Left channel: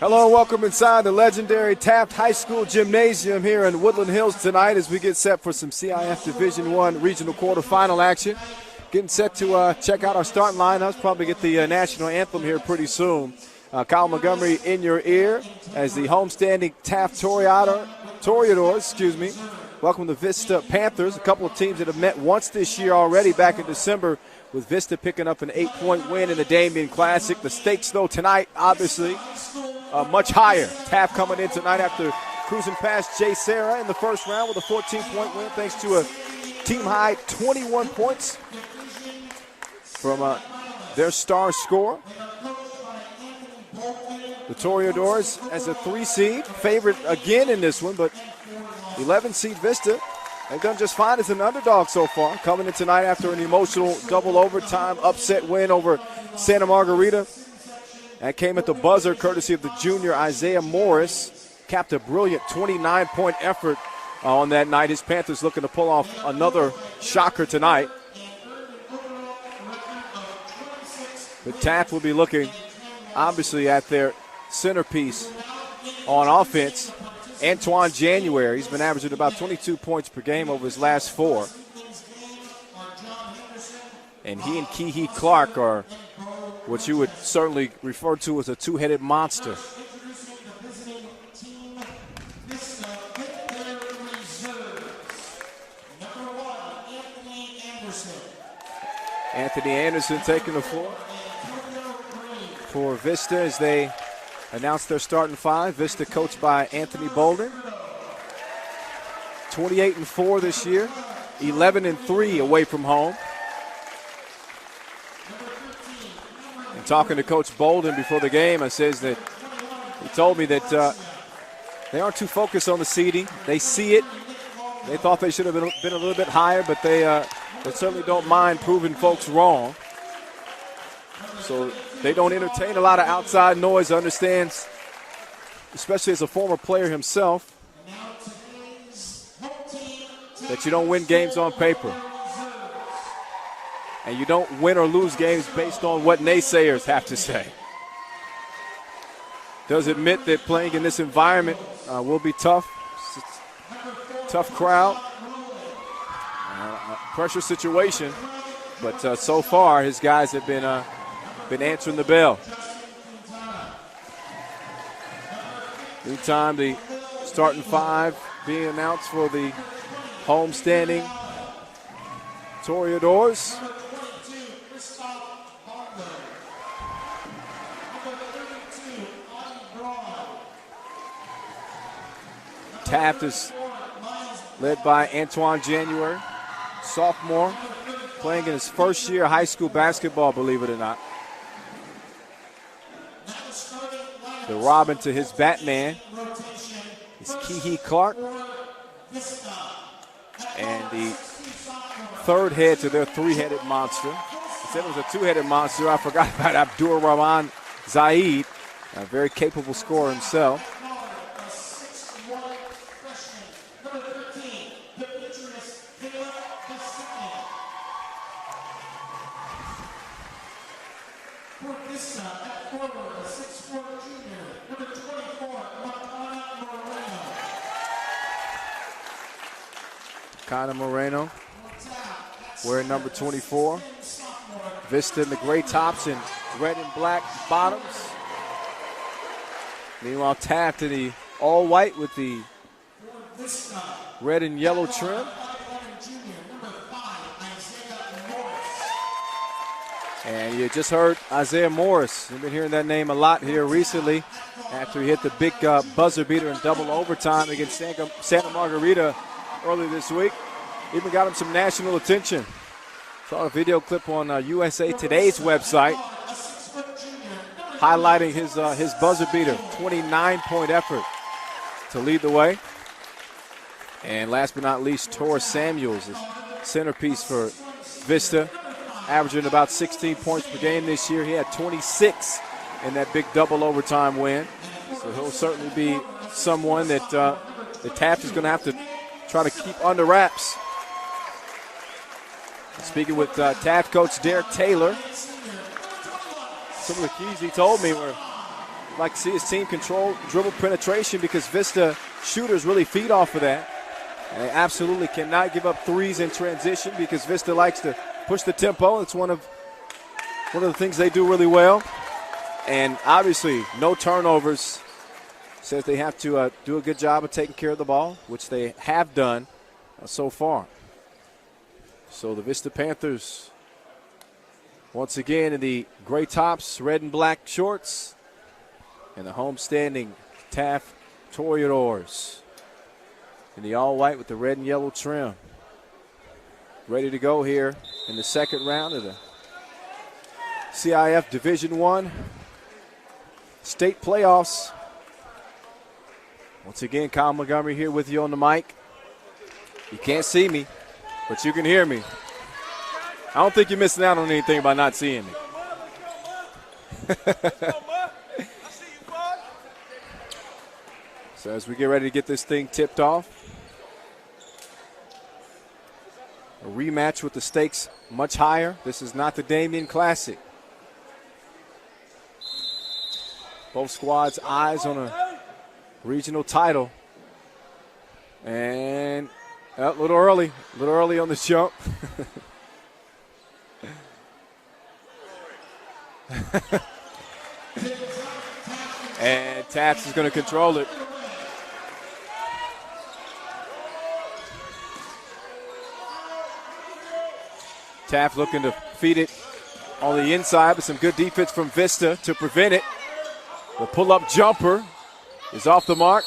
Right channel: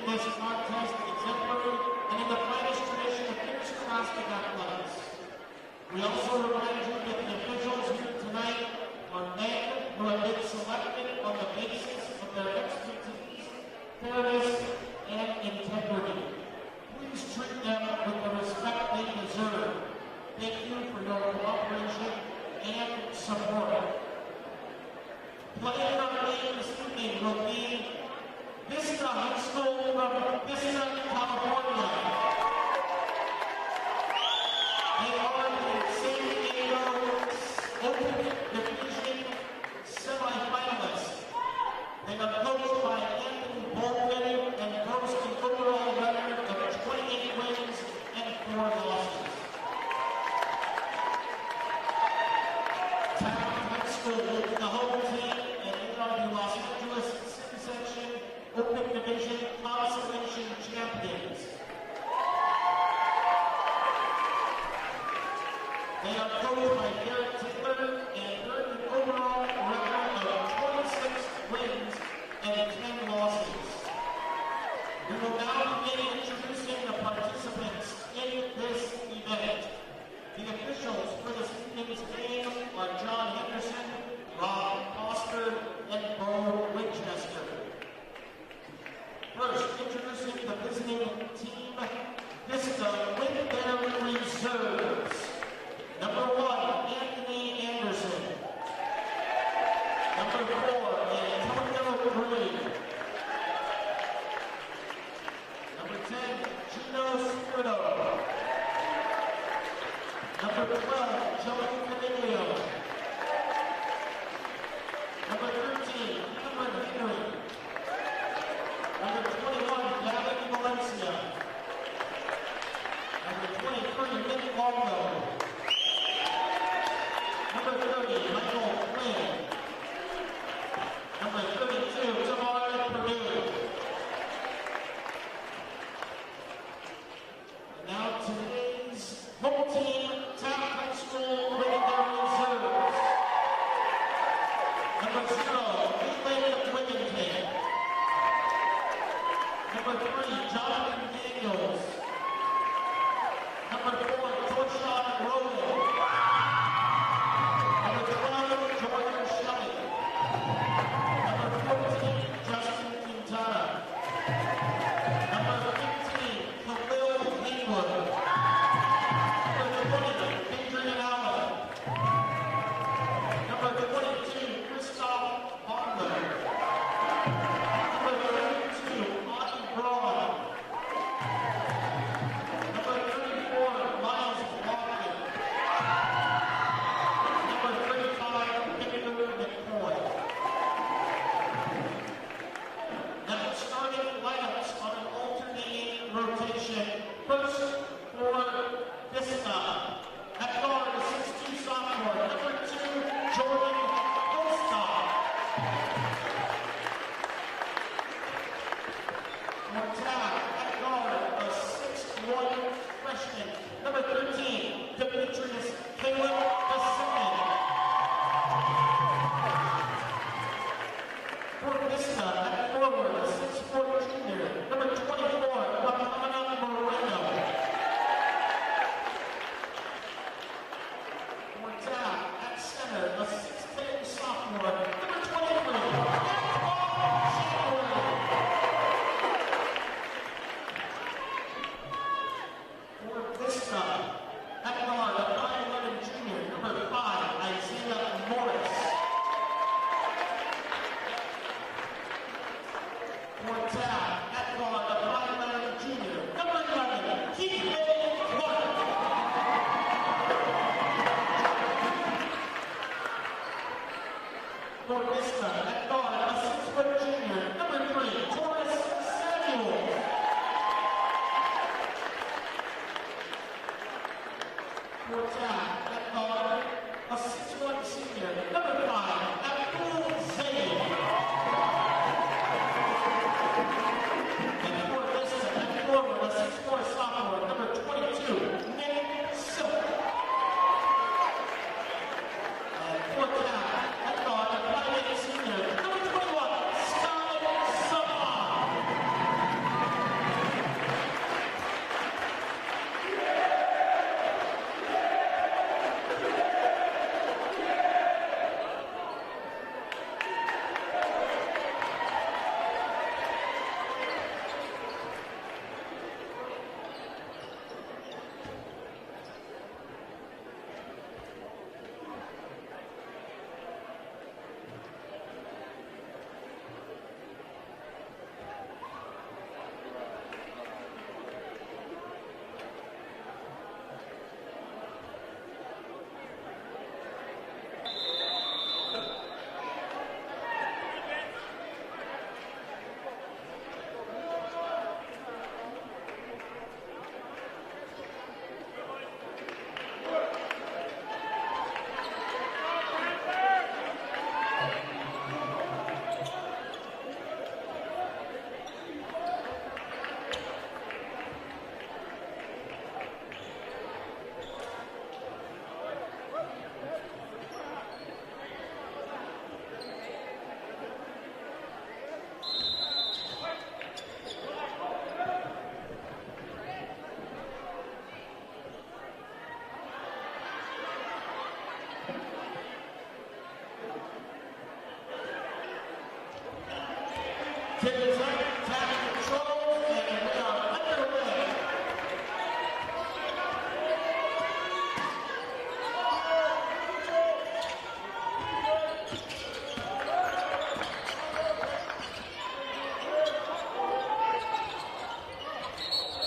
Hello and welcome inside the legendary Taft High School Gymnasium here in Woodland Hills tonight as we get set for some CIF Division I regional quarterfinal action. Getting set to check out our starting lineups, probably get the national anthem here pretty soon. Kyle Montgomery in your ear as the homestanding Taft Toreadors, welcome the Vista Panthers, a couple of teams that have met once this year already back in December, with Vista picking up an 8-point win in the Damien Classic. The stakes, though, tonight, obviously, much higher. Taft coming in tonight after cruising past Jay Serra in the first round with a 14-point win, thanks to a team-high 21 points from their star scorer. The Toreadors as a 3-seed, favorite again in this one, but 11-seed Vista, they've done just fine as an underdog so far, coming in tonight after an emotional double overtime upset win over Santa Margarita. That came at the buzzer courtesy of the junior Isaiah Morris. Capped a brilliant 29-point effort on that night. His Panthers looking to pull off another shocker tonight. The Taft will be looking, obviously, at their centerpiece on offense, Antoine January. He's been averaging about 22 points per game over his last 4. And he and Kee Clark are what you would certainly refer to as a two-headed monster. Anthony Anderson taking the floor for Vista as they announce their starting 5. Vista coached by Anthony Bolden. 28-4 this year, 11-3 away from home. And talking to Coach Bolden before the game, I says that he told me that they aren't too focused on the seeding. They see it. They thought they should have been a little bit higher, but they certainly don't mind proving folks wrong. So they don't entertain a lot of outside noise. Understands, especially as a former player himself, that you don't win games on paper. And you don't win or lose games based on what naysayers have to say. Does admit that playing in this environment will be tough. Tough crowd. Pressure situation. But so far, his guys have been answering the bell. Meantime, the starting 5 being announced for the homestanding Toreadors. Taft is led by Antoine January, sophomore, playing in his first year of high school basketball, believe it or not. The Robin to his Batman is Kee Clark. And the third head to their 3-headed monster. I said it was a 2-headed monster. I forgot about Abdur Rahman Zaid, a very capable scorer himself. Moreno wearing number 24. Vista in the gray tops and red and black bottoms. Meanwhile, Taft in the all-white with the red and yellow trim. And you just heard Isaiah Morris. You've been hearing that name a lot here recently after he hit the big buzzer beater in double overtime against Santa Margarita earlier this week. Even got him some national attention. Saw a video clip on USA Today's website highlighting his buzzer beater, 29-point effort to lead the way. And last but not least, Torres Samuels, centerpiece for Vista, averaging about 16 points per game this year. He had 26 in that big double overtime win. So he'll certainly be someone that the Taft is going to have to try to keep under wraps. Speaking with Taft coach Derek Taylor, some of the keys he told me were I'd like to see his team control dribble penetration because Vista shooters really feed off of that. They absolutely cannot give up threes in transition because Vista likes to push the tempo. It's one of the things they do really well. And obviously, no turnovers. Says they have to do a good job of taking care of the ball, which they have done so far. So the Vista Panthers, once again in the gray tops, red and black shorts, and the homestanding Taft Toreadors in the all-white with the red and yellow trim. Ready to go here in the second round of the CIF Division I state playoffs. Once again, Kyle Montgomery here with you on the mic. You can't see me, but you can hear me. I don't think you're missing out on anything by not seeing me. So as we get ready to get this thing tipped off, a rematch with the stakes much higher. This is not the Damien Classic. Both squads' eyes on a regional title. And a little early on the jump. And Taft is going to control it. Taft looking to feed it on the inside, but some good defense from Vista to prevent it. The pull-up jumper is off the mark.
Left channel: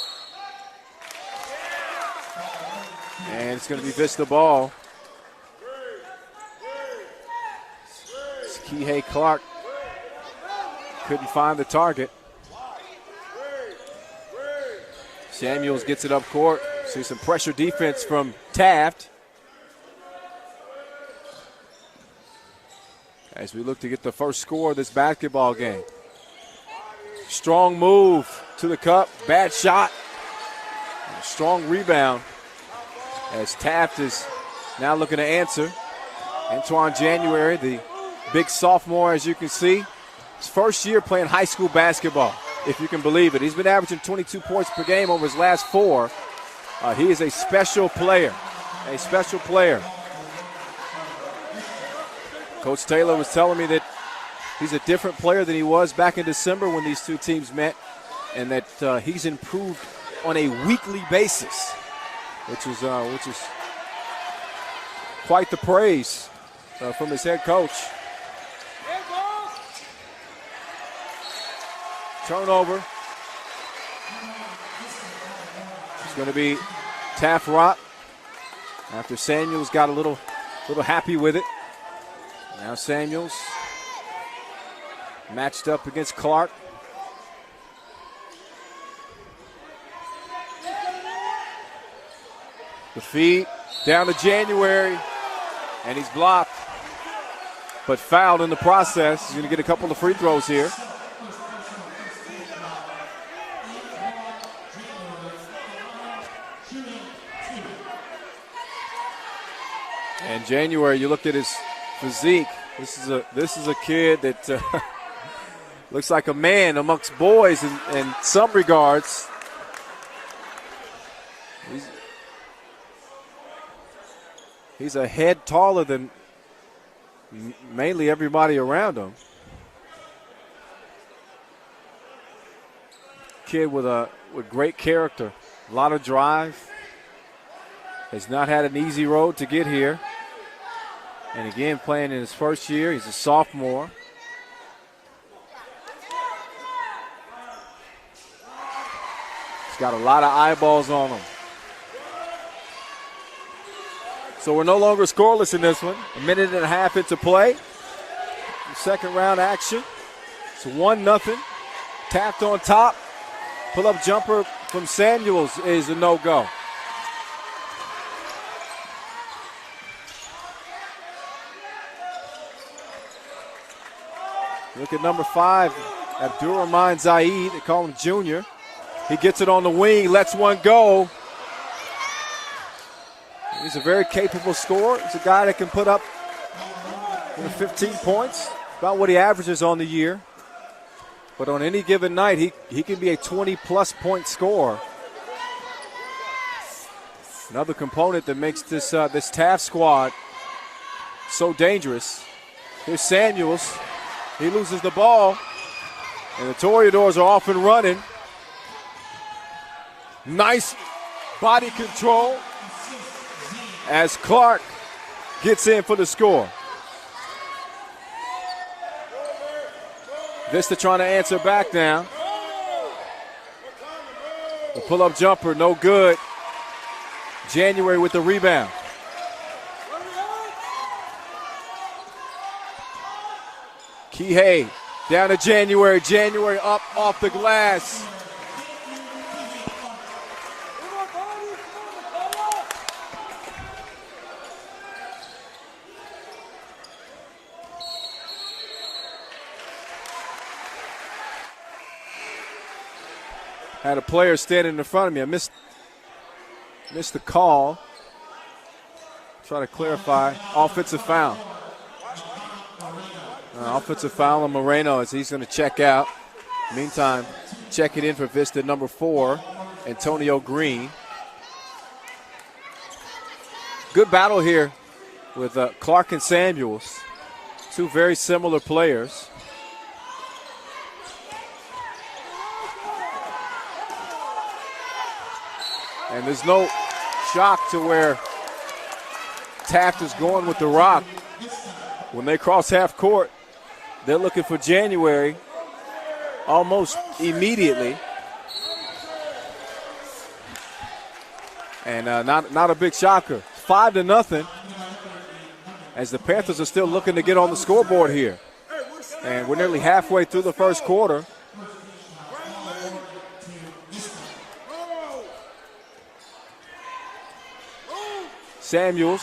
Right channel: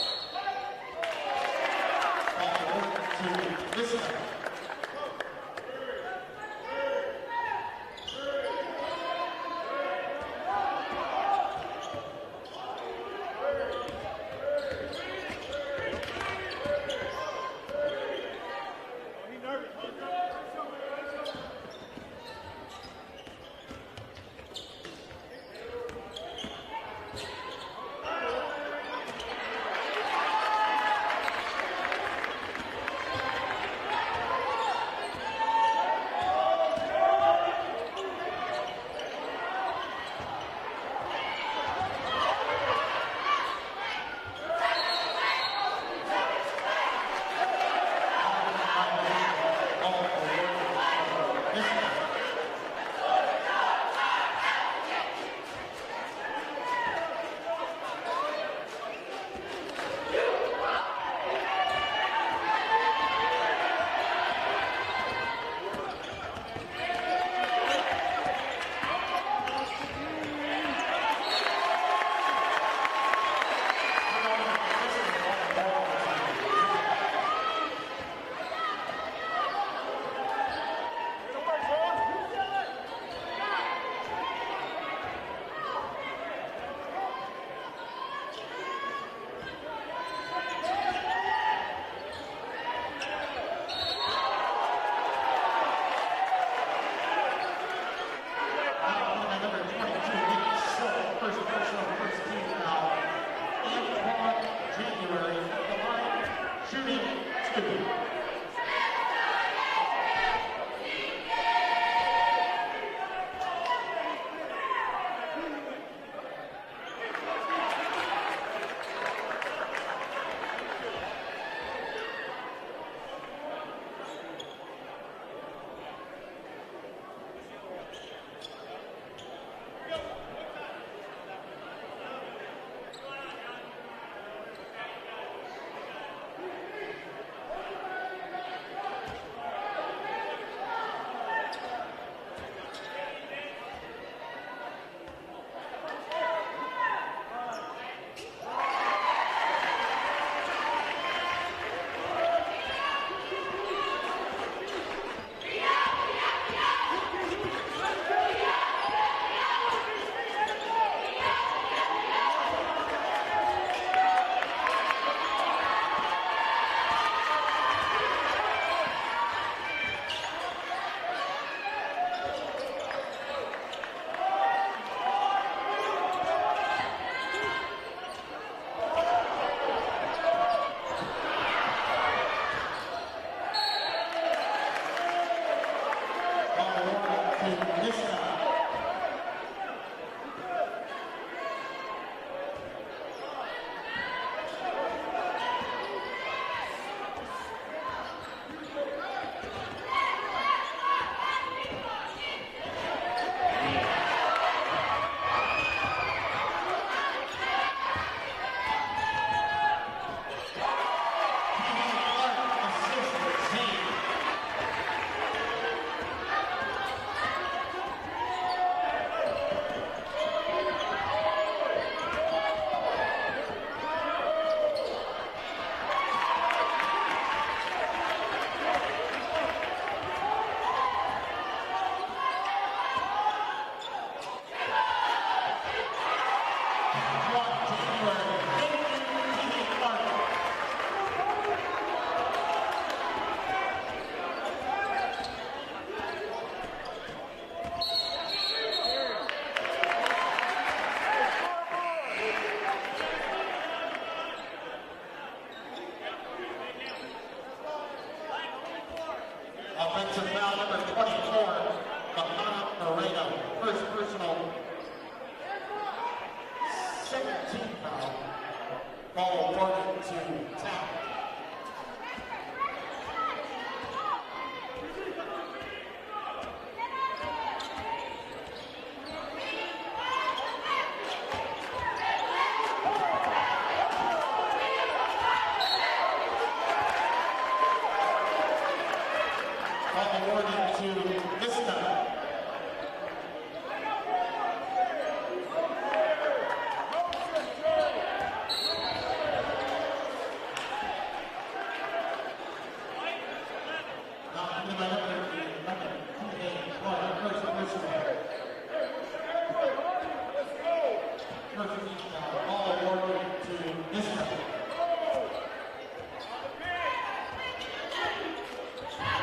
And it's going to be Vista ball. Kihei Clark couldn't find the target. Samuels gets it up court. See some pressure defense from Taft. As we look to get the first score of this basketball game. Strong move to the cup, bad shot. Strong rebound as Taft is now looking to answer. Antoine January, the big sophomore, as you can see. His first year playing high school basketball, if you can believe it. He's been averaging 22 points per game over his last 4. He is a special player, Coach Taylor was telling me that he's a different player than he was back in December when these two teams met, and that he's improved on a weekly basis, which is quite the praise from his head coach. Turnover. It's going to be Taft Rock after Samuels got a little happy with it. Now Samuels matched up against Clark. The feed down to January, and he's blocked, but fouled in the process. He's going to get a couple of free throws here. And January, you looked at his physique. This is a kid that looks like a man amongst boys in some regards. He's a head taller than mainly everybody around him. Kid with great character, a lot of drive. Has not had an easy road to get here. And again, playing in his first year, he's a sophomore. He's got a lot of eyeballs on him. So we're no longer scoreless in this one. A minute and a half into play. Second round action. It's 1-0. Taft on top. Pull-up jumper from Samuels is a no-go. Look at number 5, Abdurrahman Zaid. They call him Junior. He gets it on the wing, lets one go. He's a very capable scorer. He's a guy that can put up 15 points, about what he averages on the year. But on any given night, he can be a 20-plus point scorer. Another component that makes this Taft squad so dangerous. Here's Samuels. He loses the ball. And the Toreadors are off and running. Nice body control as Clark gets in for the score. Vista trying to answer back now. The pull-up jumper, no good. January with the rebound. Kihei down to January. January up off the glass. Had a player standing in front of me. I missed the call. Try to clarify. Offensive foul. Offensive foul on Moreno as he's going to check out. Meantime, checking in for Vista number 4, Antonio Green. Good battle here with Clark and Samuels. Two very similar players. And there's no shock to where Taft is going with the rock. When they cross half court, they're looking for January almost immediately. And not a big shocker. 5-0 as the Panthers are still looking to get on the scoreboard here. And we're nearly halfway through the first quarter. Samuels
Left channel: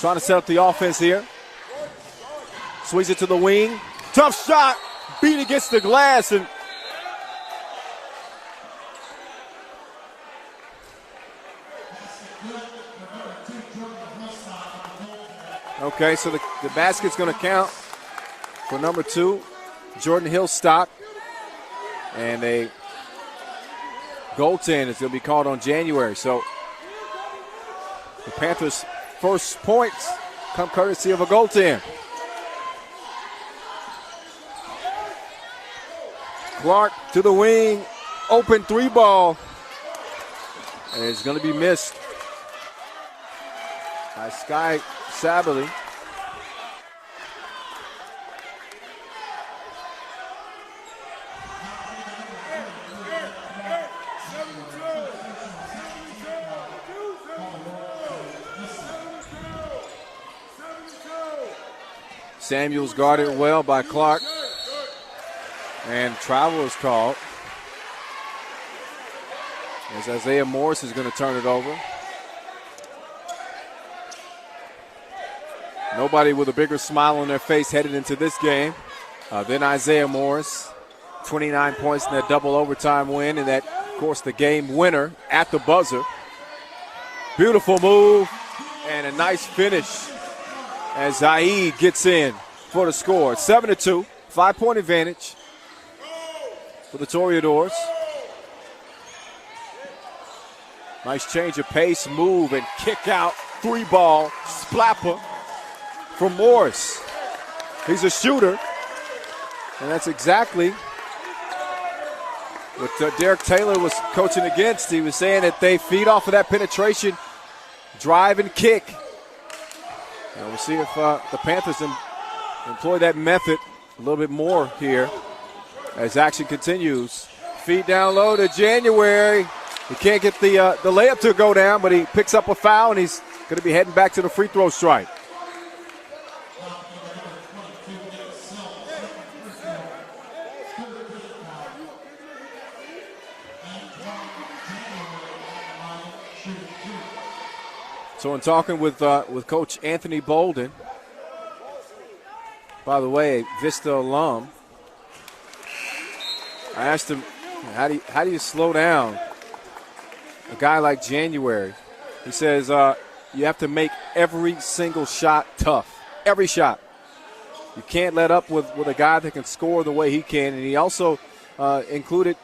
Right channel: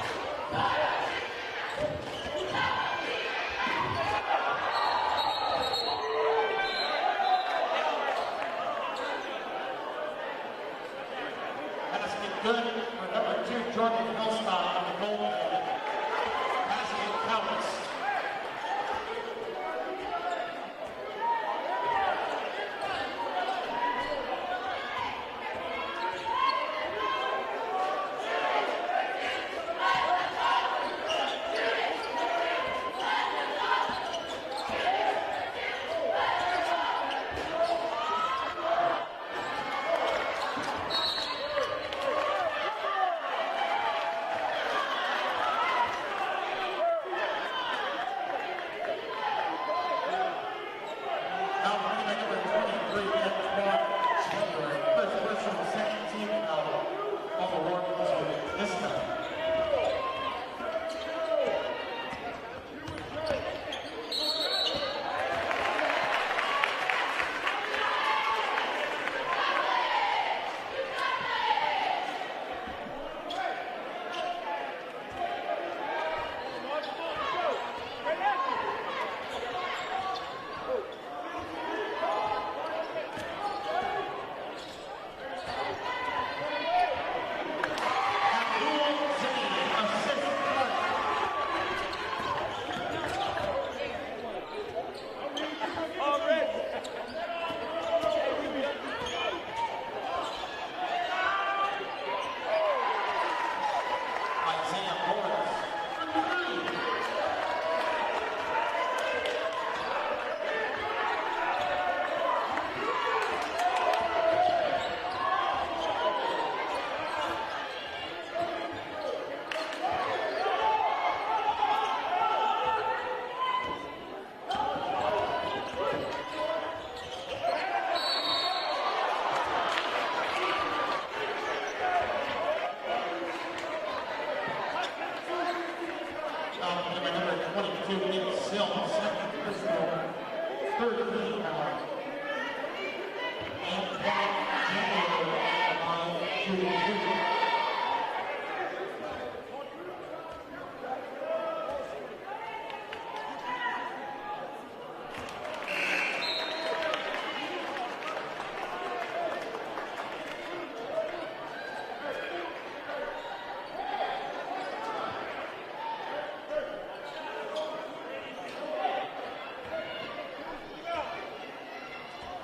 trying to set up the offense here. Swings it to the wing. Tough shot. Beat against the glass. And okay, so the basket's going to count for number 2. Jordan Hill stop. And a goaltend is going to be called on January. So the Panthers' first points come courtesy of a goaltend. Clark to the wing, open 3 ball. And it's going to be missed by Sky Sabely. Samuels guarded well by Clark. And travel is called. As Isaiah Morris is going to turn it over. Nobody with a bigger smile on their face headed into this game than Isaiah Morris. 29 points in that double overtime win, and that, of course, the game winner at the buzzer. Beautiful move and a nice finish as Zaid gets in for the score. 7-2, 5-point advantage for the Toreadors. Nice change of pace, move, and kick out. 3-ball, splapper from Morris. He's a shooter, and that's exactly what Derek Taylor was coaching against. He was saying that they feed off of that penetration, drive and kick. And we'll see if the Panthers employ that method a little bit more here as action continues. Feed down low to January. He can't get the layup to go down, but he picks up a foul, and he's going to be heading back to the free throw stripe. So in talking with Coach Anthony Bolden, by the way, a Vista alum, I asked him, how do you slow down a guy like January? He says you have to make every single shot tough. Every shot. You can't let up with a guy that can score the way he can. And he also included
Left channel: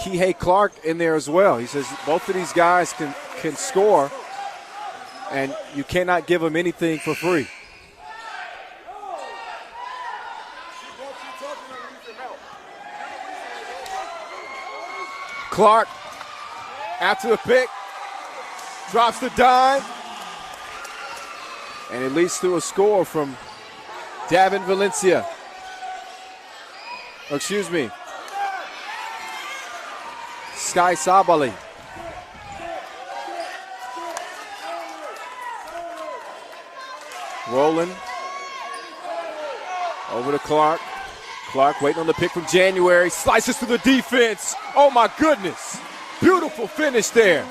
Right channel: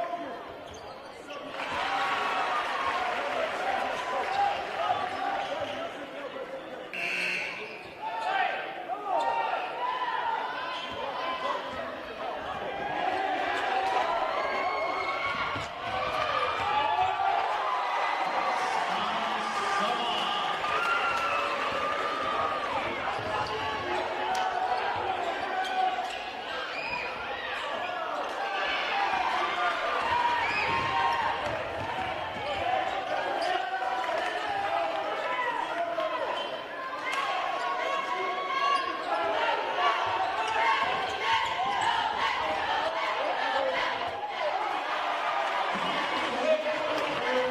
Kihei Clark in there as well. He says both of these guys can score, and you cannot give them anything for free. Clark, after the pick, drops the dime, and it leads to a score from Davin Valencia. Or excuse me, Sky Sabali. Rolling over to Clark. Clark waiting on the pick from January. Slices through the defense. Oh my goodness. Beautiful finish there.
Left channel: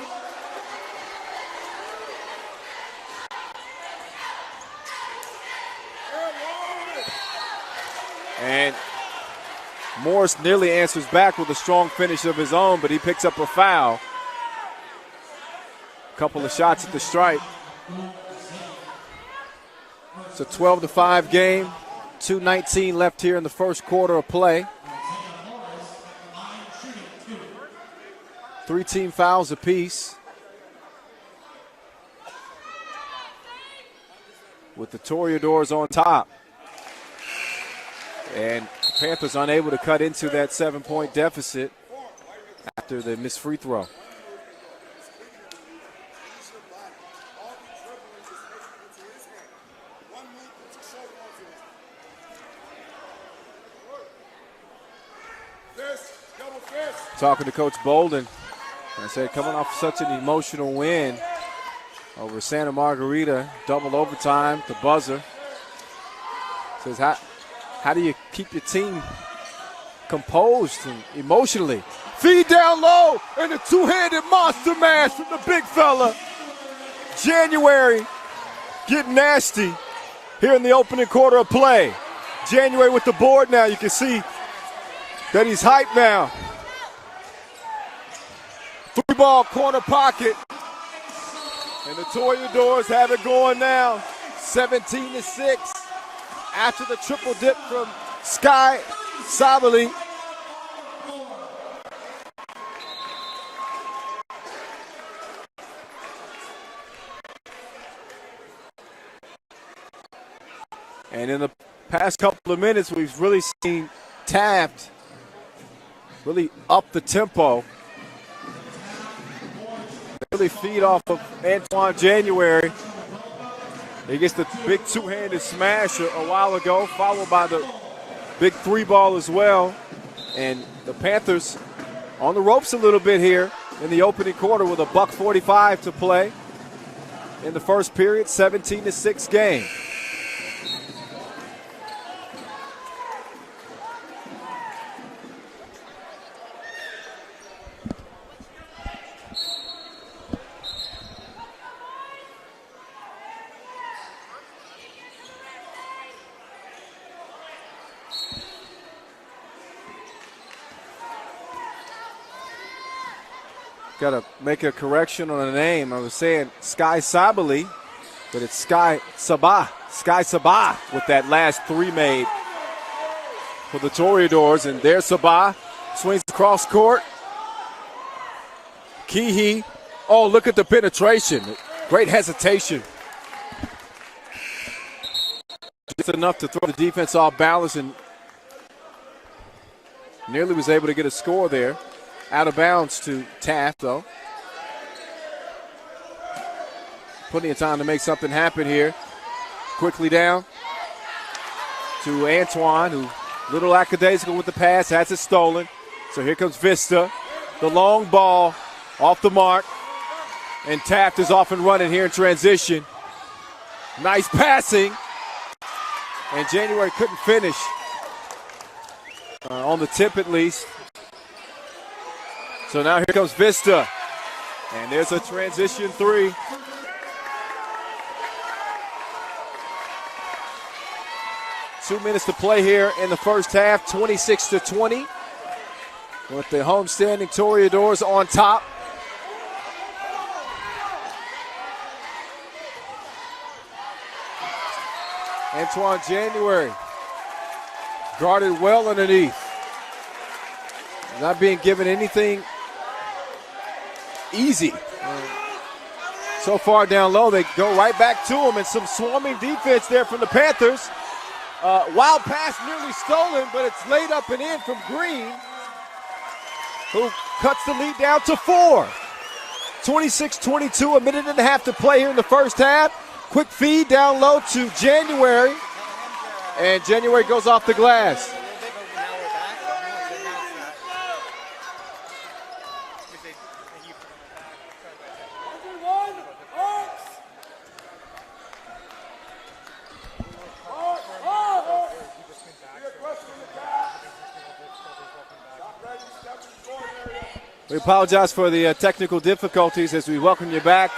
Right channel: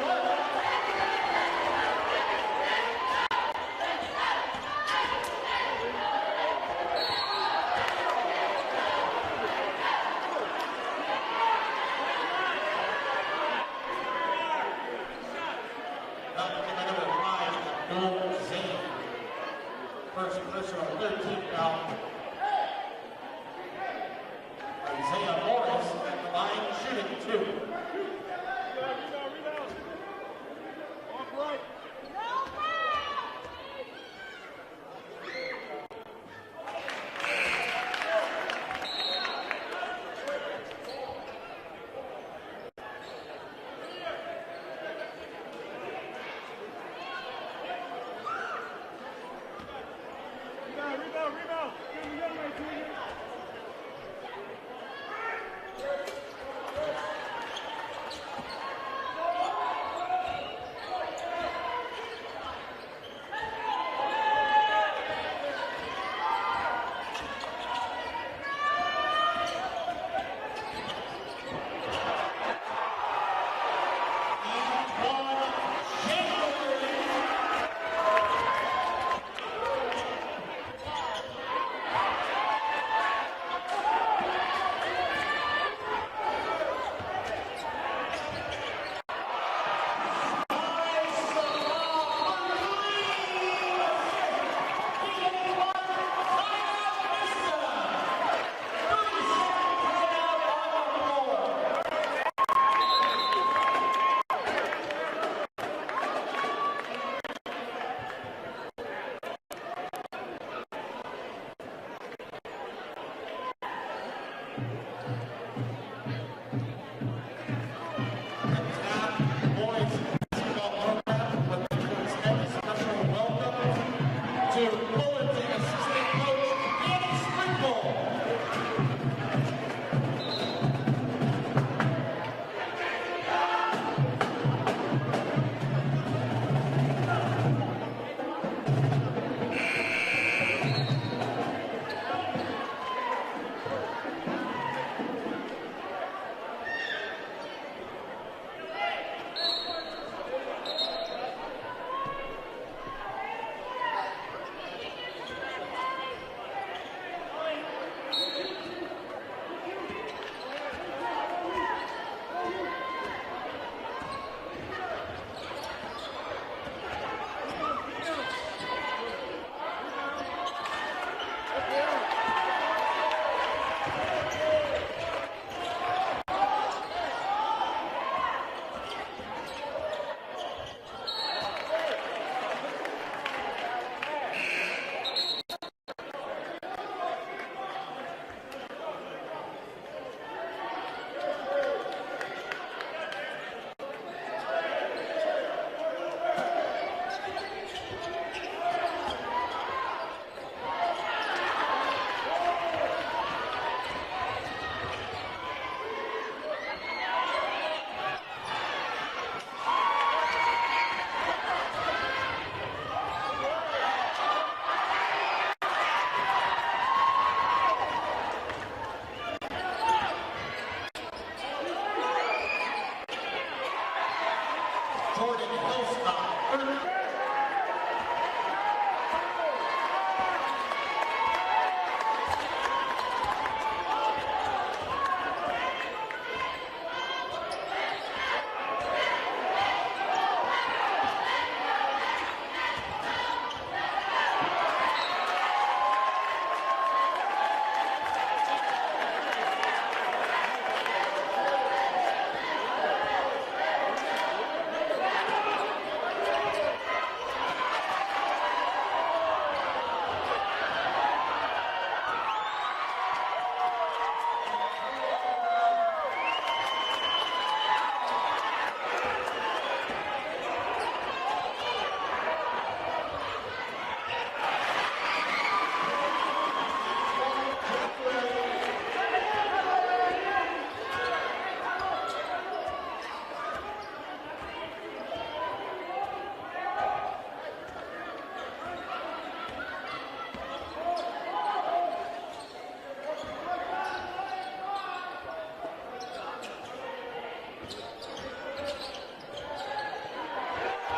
And Morris nearly answers back with a strong finish of his own, but he picks up a foul. A couple of shots at the stripe. It's a 12-5 game. 2:19 left here in the first quarter of play. 3 team fouls apiece. With the Toreadors on top. And Panthers unable to cut into that 7-point deficit after the missed free throw. Talking to Coach Bolden, he said coming off such an emotional win over Santa Margarita, double overtime, the buzzer. Says how do you keep your team composed and emotionally? Feed down low and the two-handed monster mash from the big fella. January getting nasty here in the opening quarter of play. January with the board now. You can see that he's hyped now. 3-ball corner pocket. And the Toreadors have it going now. 17-6 after the triple dip from Sky Sabali. And in the past couple of minutes, we've really seen Taft really up the tempo. Really feed off of Antoine January. He gets the big two-handed smash a while ago, followed by the big 3-ball as well. And the Panthers on the ropes a little bit here in the opening quarter with a $1:45 to play in the first period, 17-6 game. Got to make a correction on the name. I was saying Sky Sabali, but it's Sky Sabah. Sky Sabah with that last 3 made for the Toreadors. And there's Sabah. Swings across court. Kihei. Oh, look at the penetration. Great hesitation. Just enough to throw the defense off balance, and nearly was able to get a score there. Out of bounds to Taft, though. Plenty of time to make something happen here. Quickly down to Antoine, who little lackadaisical with the pass, has it stolen. So here comes Vista. The long ball off the mark. And Taft is off and running here in transition. Nice passing. And January couldn't finish. On the tip at least. So now here comes Vista. And there's a transition 3. Two minutes to play here in the first half, 26-20. With the homestanding Toreadors on top. Antoine January guarded well underneath. Not being given anything easy. So far down low, they go right back to him, and some swarming defense there from the Panthers. Wild pass nearly stolen, but it's laid up and in from Green, who cuts the lead down to 4. 26-22, a minute and a half to play here in the first half. Quick feed down low to January, and January goes off the glass. We apologize for the technical difficulties as we welcome you back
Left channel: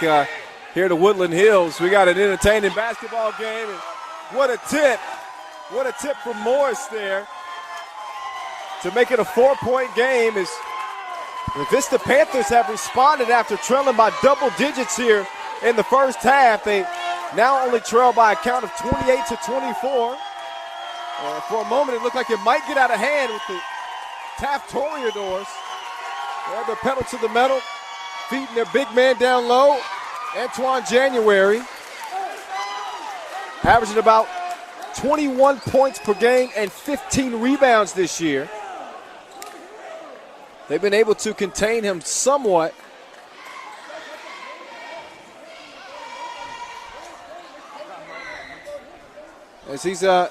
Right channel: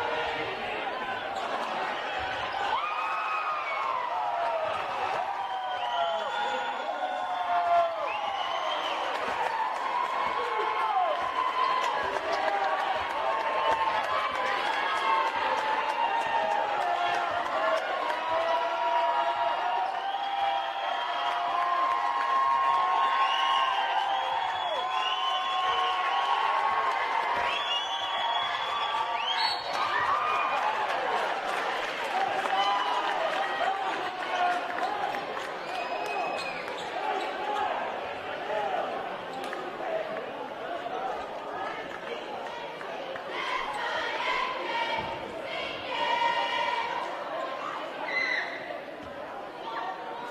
here to Woodland Hills. We got an entertaining basketball game. And what a tip. What a tip from Morris there to make it a 4-point game. As the Vista Panthers have responded after trailing by double digits here in the first half. They now only trail by a count of 28-24. And for a moment, it looked like it might get out of hand with the Taft Toreadors. They had the pedal to the metal, feeding their big man down low, Antoine January, averaging about 21 points per game and 15 rebounds this year. They've been able to contain him somewhat. As he's got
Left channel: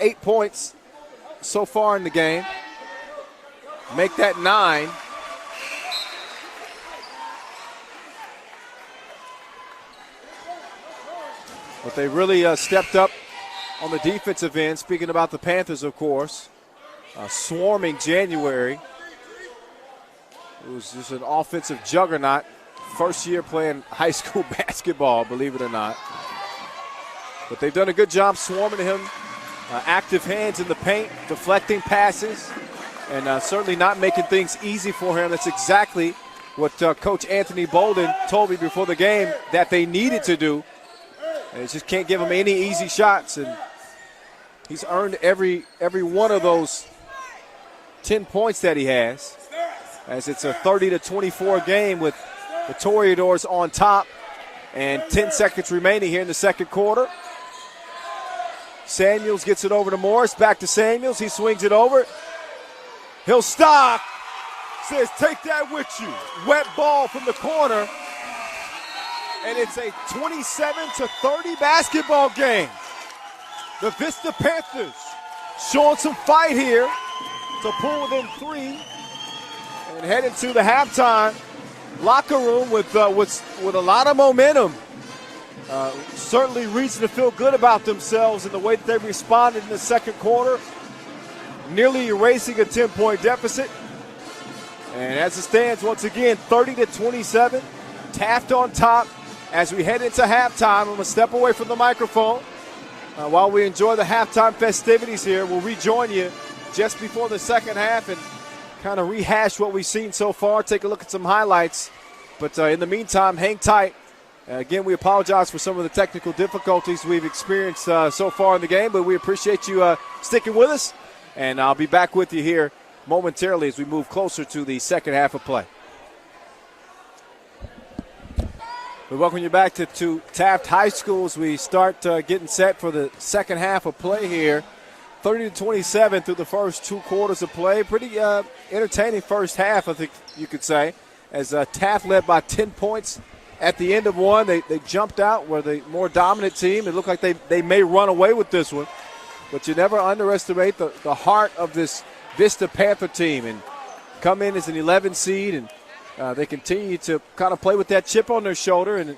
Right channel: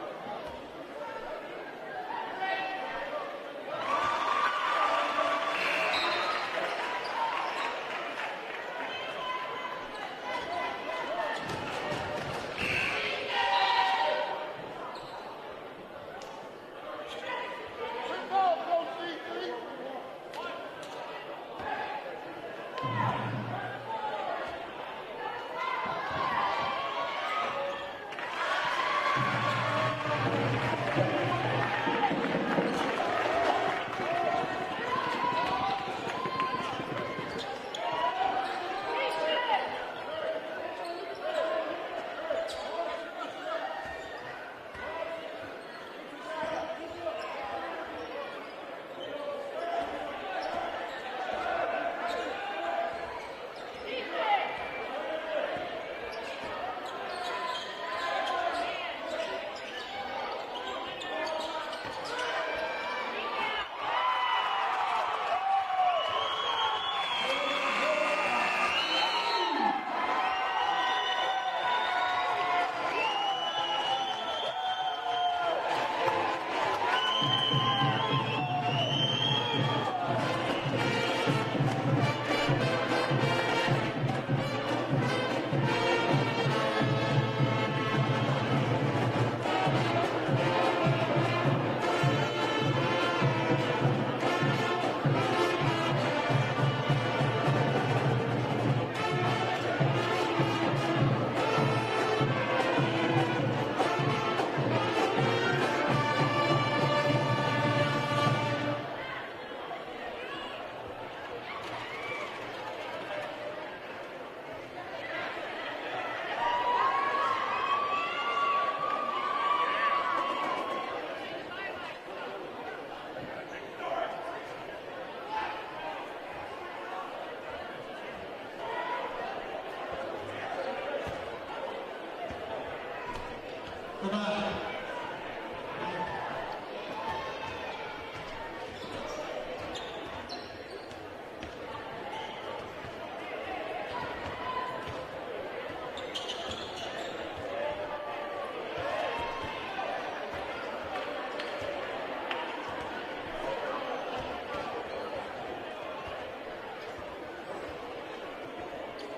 8 points so far in the game. Make that 9. But they really stepped up on the defensive end. Speaking about the Panthers, of course. Swarming January, who's just an offensive juggernaut. First year playing high school basketball, believe it or not. But they've done a good job swarming him. Active hands in the paint, deflecting passes, and certainly not making things easy for him. That's exactly what Coach Anthony Bolden told me before the game that they needed to do. And just can't give him any easy shots, and he's earned every one of those 10 points that he has, as it's a 30-24 game with the Toreadors on top and 10 seconds remaining here in the second quarter. Samuels gets it over to Morris, back to Samuels, he swings it over. He'll stop, says take that with you. Wet ball from the corner. And it's a 27-30 basketball game. The Vista Panthers showing some fight here to pull them 3 and head into the halftime locker room with a lot of momentum. Certainly reason to feel good about themselves in the way that they responded in the second quarter, nearly erasing a 10-point deficit. And as it stands, once again, 30-27, Taft on top. As we head into halftime, I'm going to step away from the microphone. While we enjoy the halftime festivities here, we'll rejoin you just before the second half and kind of rehash what we've seen so far, take a look at some highlights. But in the meantime, hang tight. Again, we apologize for some of the technical difficulties we've experienced so far in the game, but we appreciate you sticking with us. And I'll be back with you here momentarily as we move closer to the second half of play. We welcome you back to Taft High School as we start getting set for the second half of play here. 30-27 through the first 2 quarters of play. Pretty entertaining first half, I think you could say, as Taft led by 10 points at the end of one. They jumped out, were the more dominant team. It looked like they may run away with this one. But you never underestimate the heart of this Vista Panther team, and come in as an 11 seed, and they continue to kind of play with that chip on their shoulder and,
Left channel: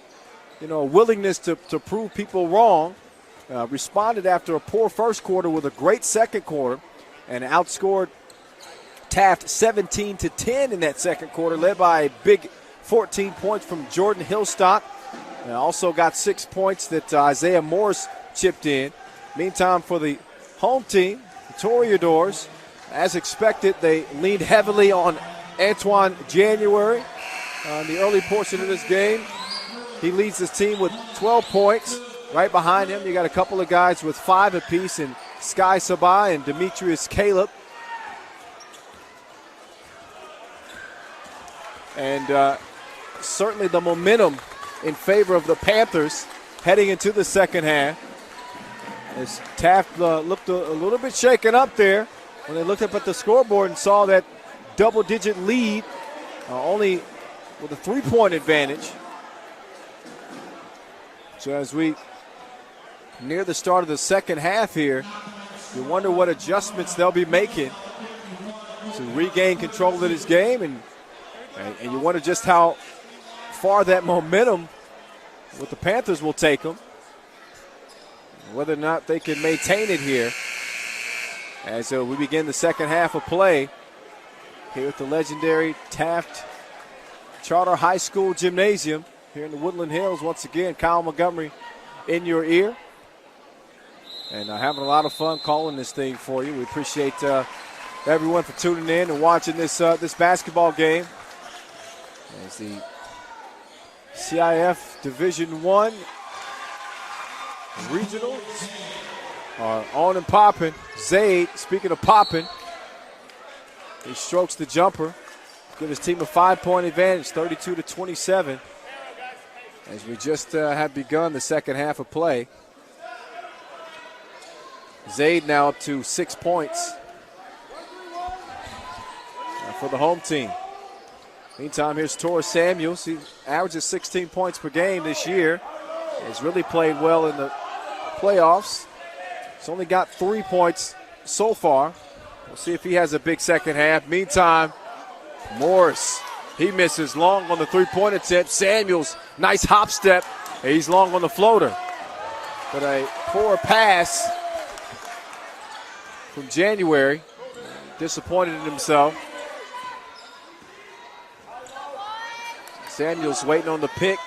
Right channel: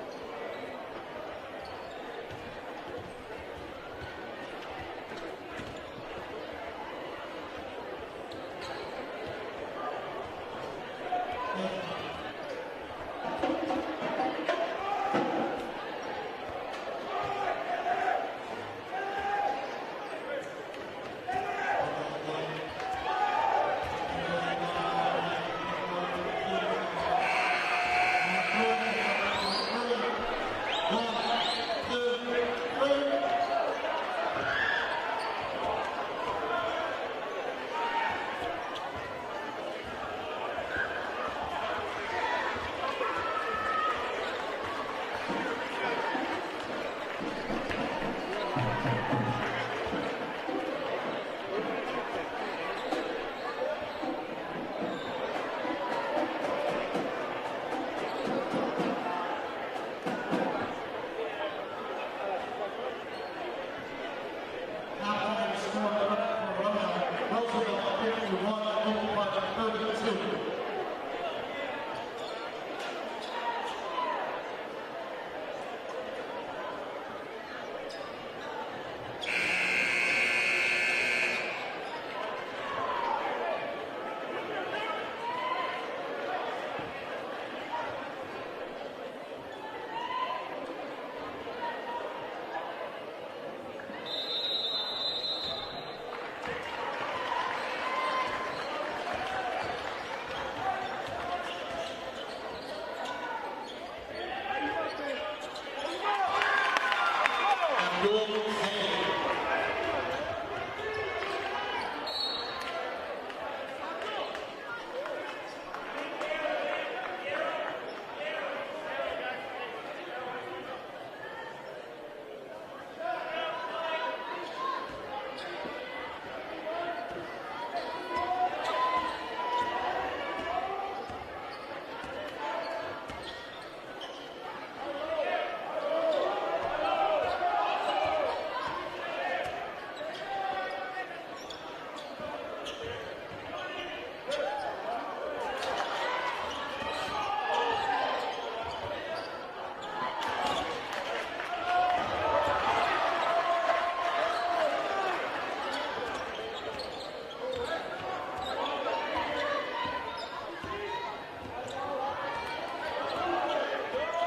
a willingness to prove people wrong. Responded after a poor first quarter with a great second quarter and outscored Taft 17-10 in that second quarter, led by a big 14 points from Jordan Hillstock. And also got 6 points that Isaiah Morris chipped in. Meantime, for the home team, the Toreadors, as expected, they leaned heavily on Antoine January in the early portion of this game. He leads his team with 12 points, right behind him, you got a couple of guys with 5 apiece, and Sky Sabai and Demetrius Caleb. And certainly the momentum in favor of the Panthers heading into the second half. As Taft looked a little bit shaken up there when they looked up at the scoreboard and saw that double-digit lead, only with a 3-point advantage. So as we near the start of the second half here, we wonder what adjustments they'll be making to regain control of this game, and you wonder just how far that momentum with the Panthers will take them, whether or not they can maintain it here as we begin the second half of play here at the legendary Taft Charter High School Gymnasium here in the Woodland Hills. Once again, Kyle Montgomery in your ear, and having a lot of fun calling this thing for you. We appreciate everyone for tuning in and watching this basketball game. As the CIF Division I regionals are on and popping. Zaid, speaking of popping, he strokes the jumper. Give his team a 5-point advantage, 32-27. As we just have begun the second half of play. Zaid now up to 6 points for the home team. Meantime, here's Torres Samuels. He averages 16 points per game this year. He's really played well in the playoffs. He's only got 3 points so far. We'll see if he has a big second half. Meantime, Morris, he misses long on the 3-point attempt. Samuels, nice hop step. He's long on the floater. But a poor pass from January. Disappointed in himself. Samuels waiting on the pick.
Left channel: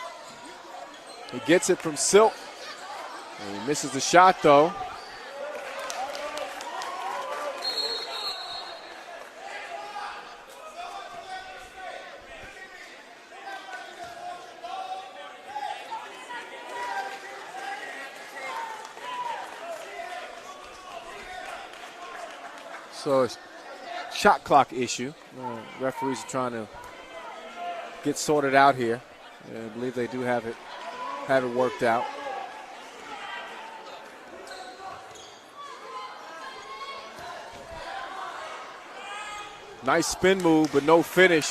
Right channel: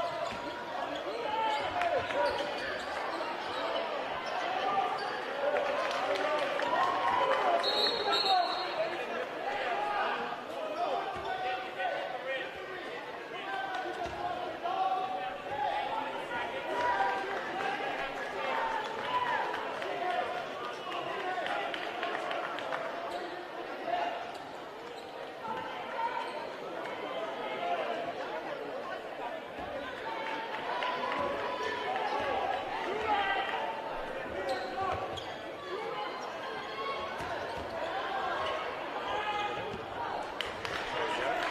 He gets it from Silk. He misses the shot, though. So it's shot clock issue. Referees are trying to get sorted out here. And I believe they do have it worked out. Nice spin move, but no finish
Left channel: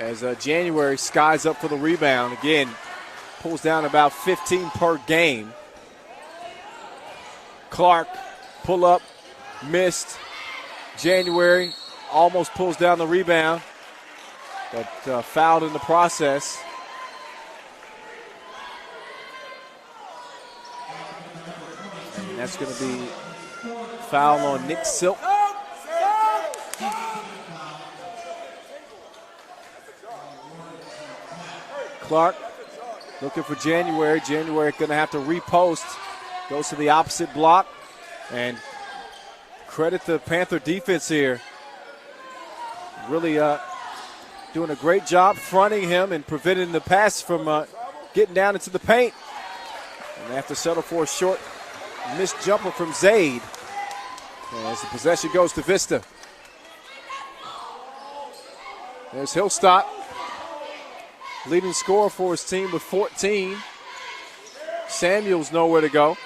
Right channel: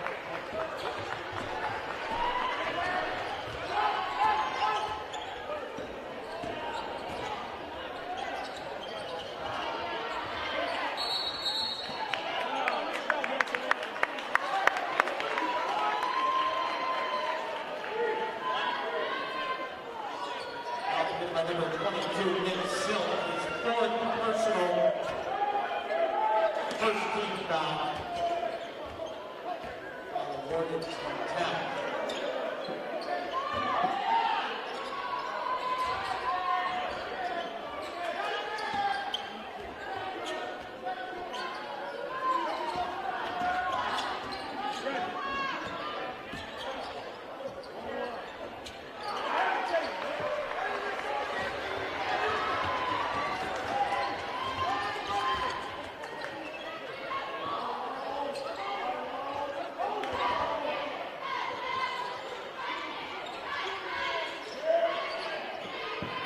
as January skies up for the rebound. Again, pulls down about 15 per game. Clark, pull up, missed. January almost pulls down the rebound, but fouled in the process. That's going to be foul on Nick Silk. Clark looking for January. January going to have to repost. Goes to the opposite block. And credit the Panther defense here. Really doing a great job fronting him and preventing the pass from getting down into the paint. And they have to settle for a short missed jumper from Zaid. As the possession goes to Vista. There's Hillstock, leading scorer for his team with 14. Samuels nowhere to go.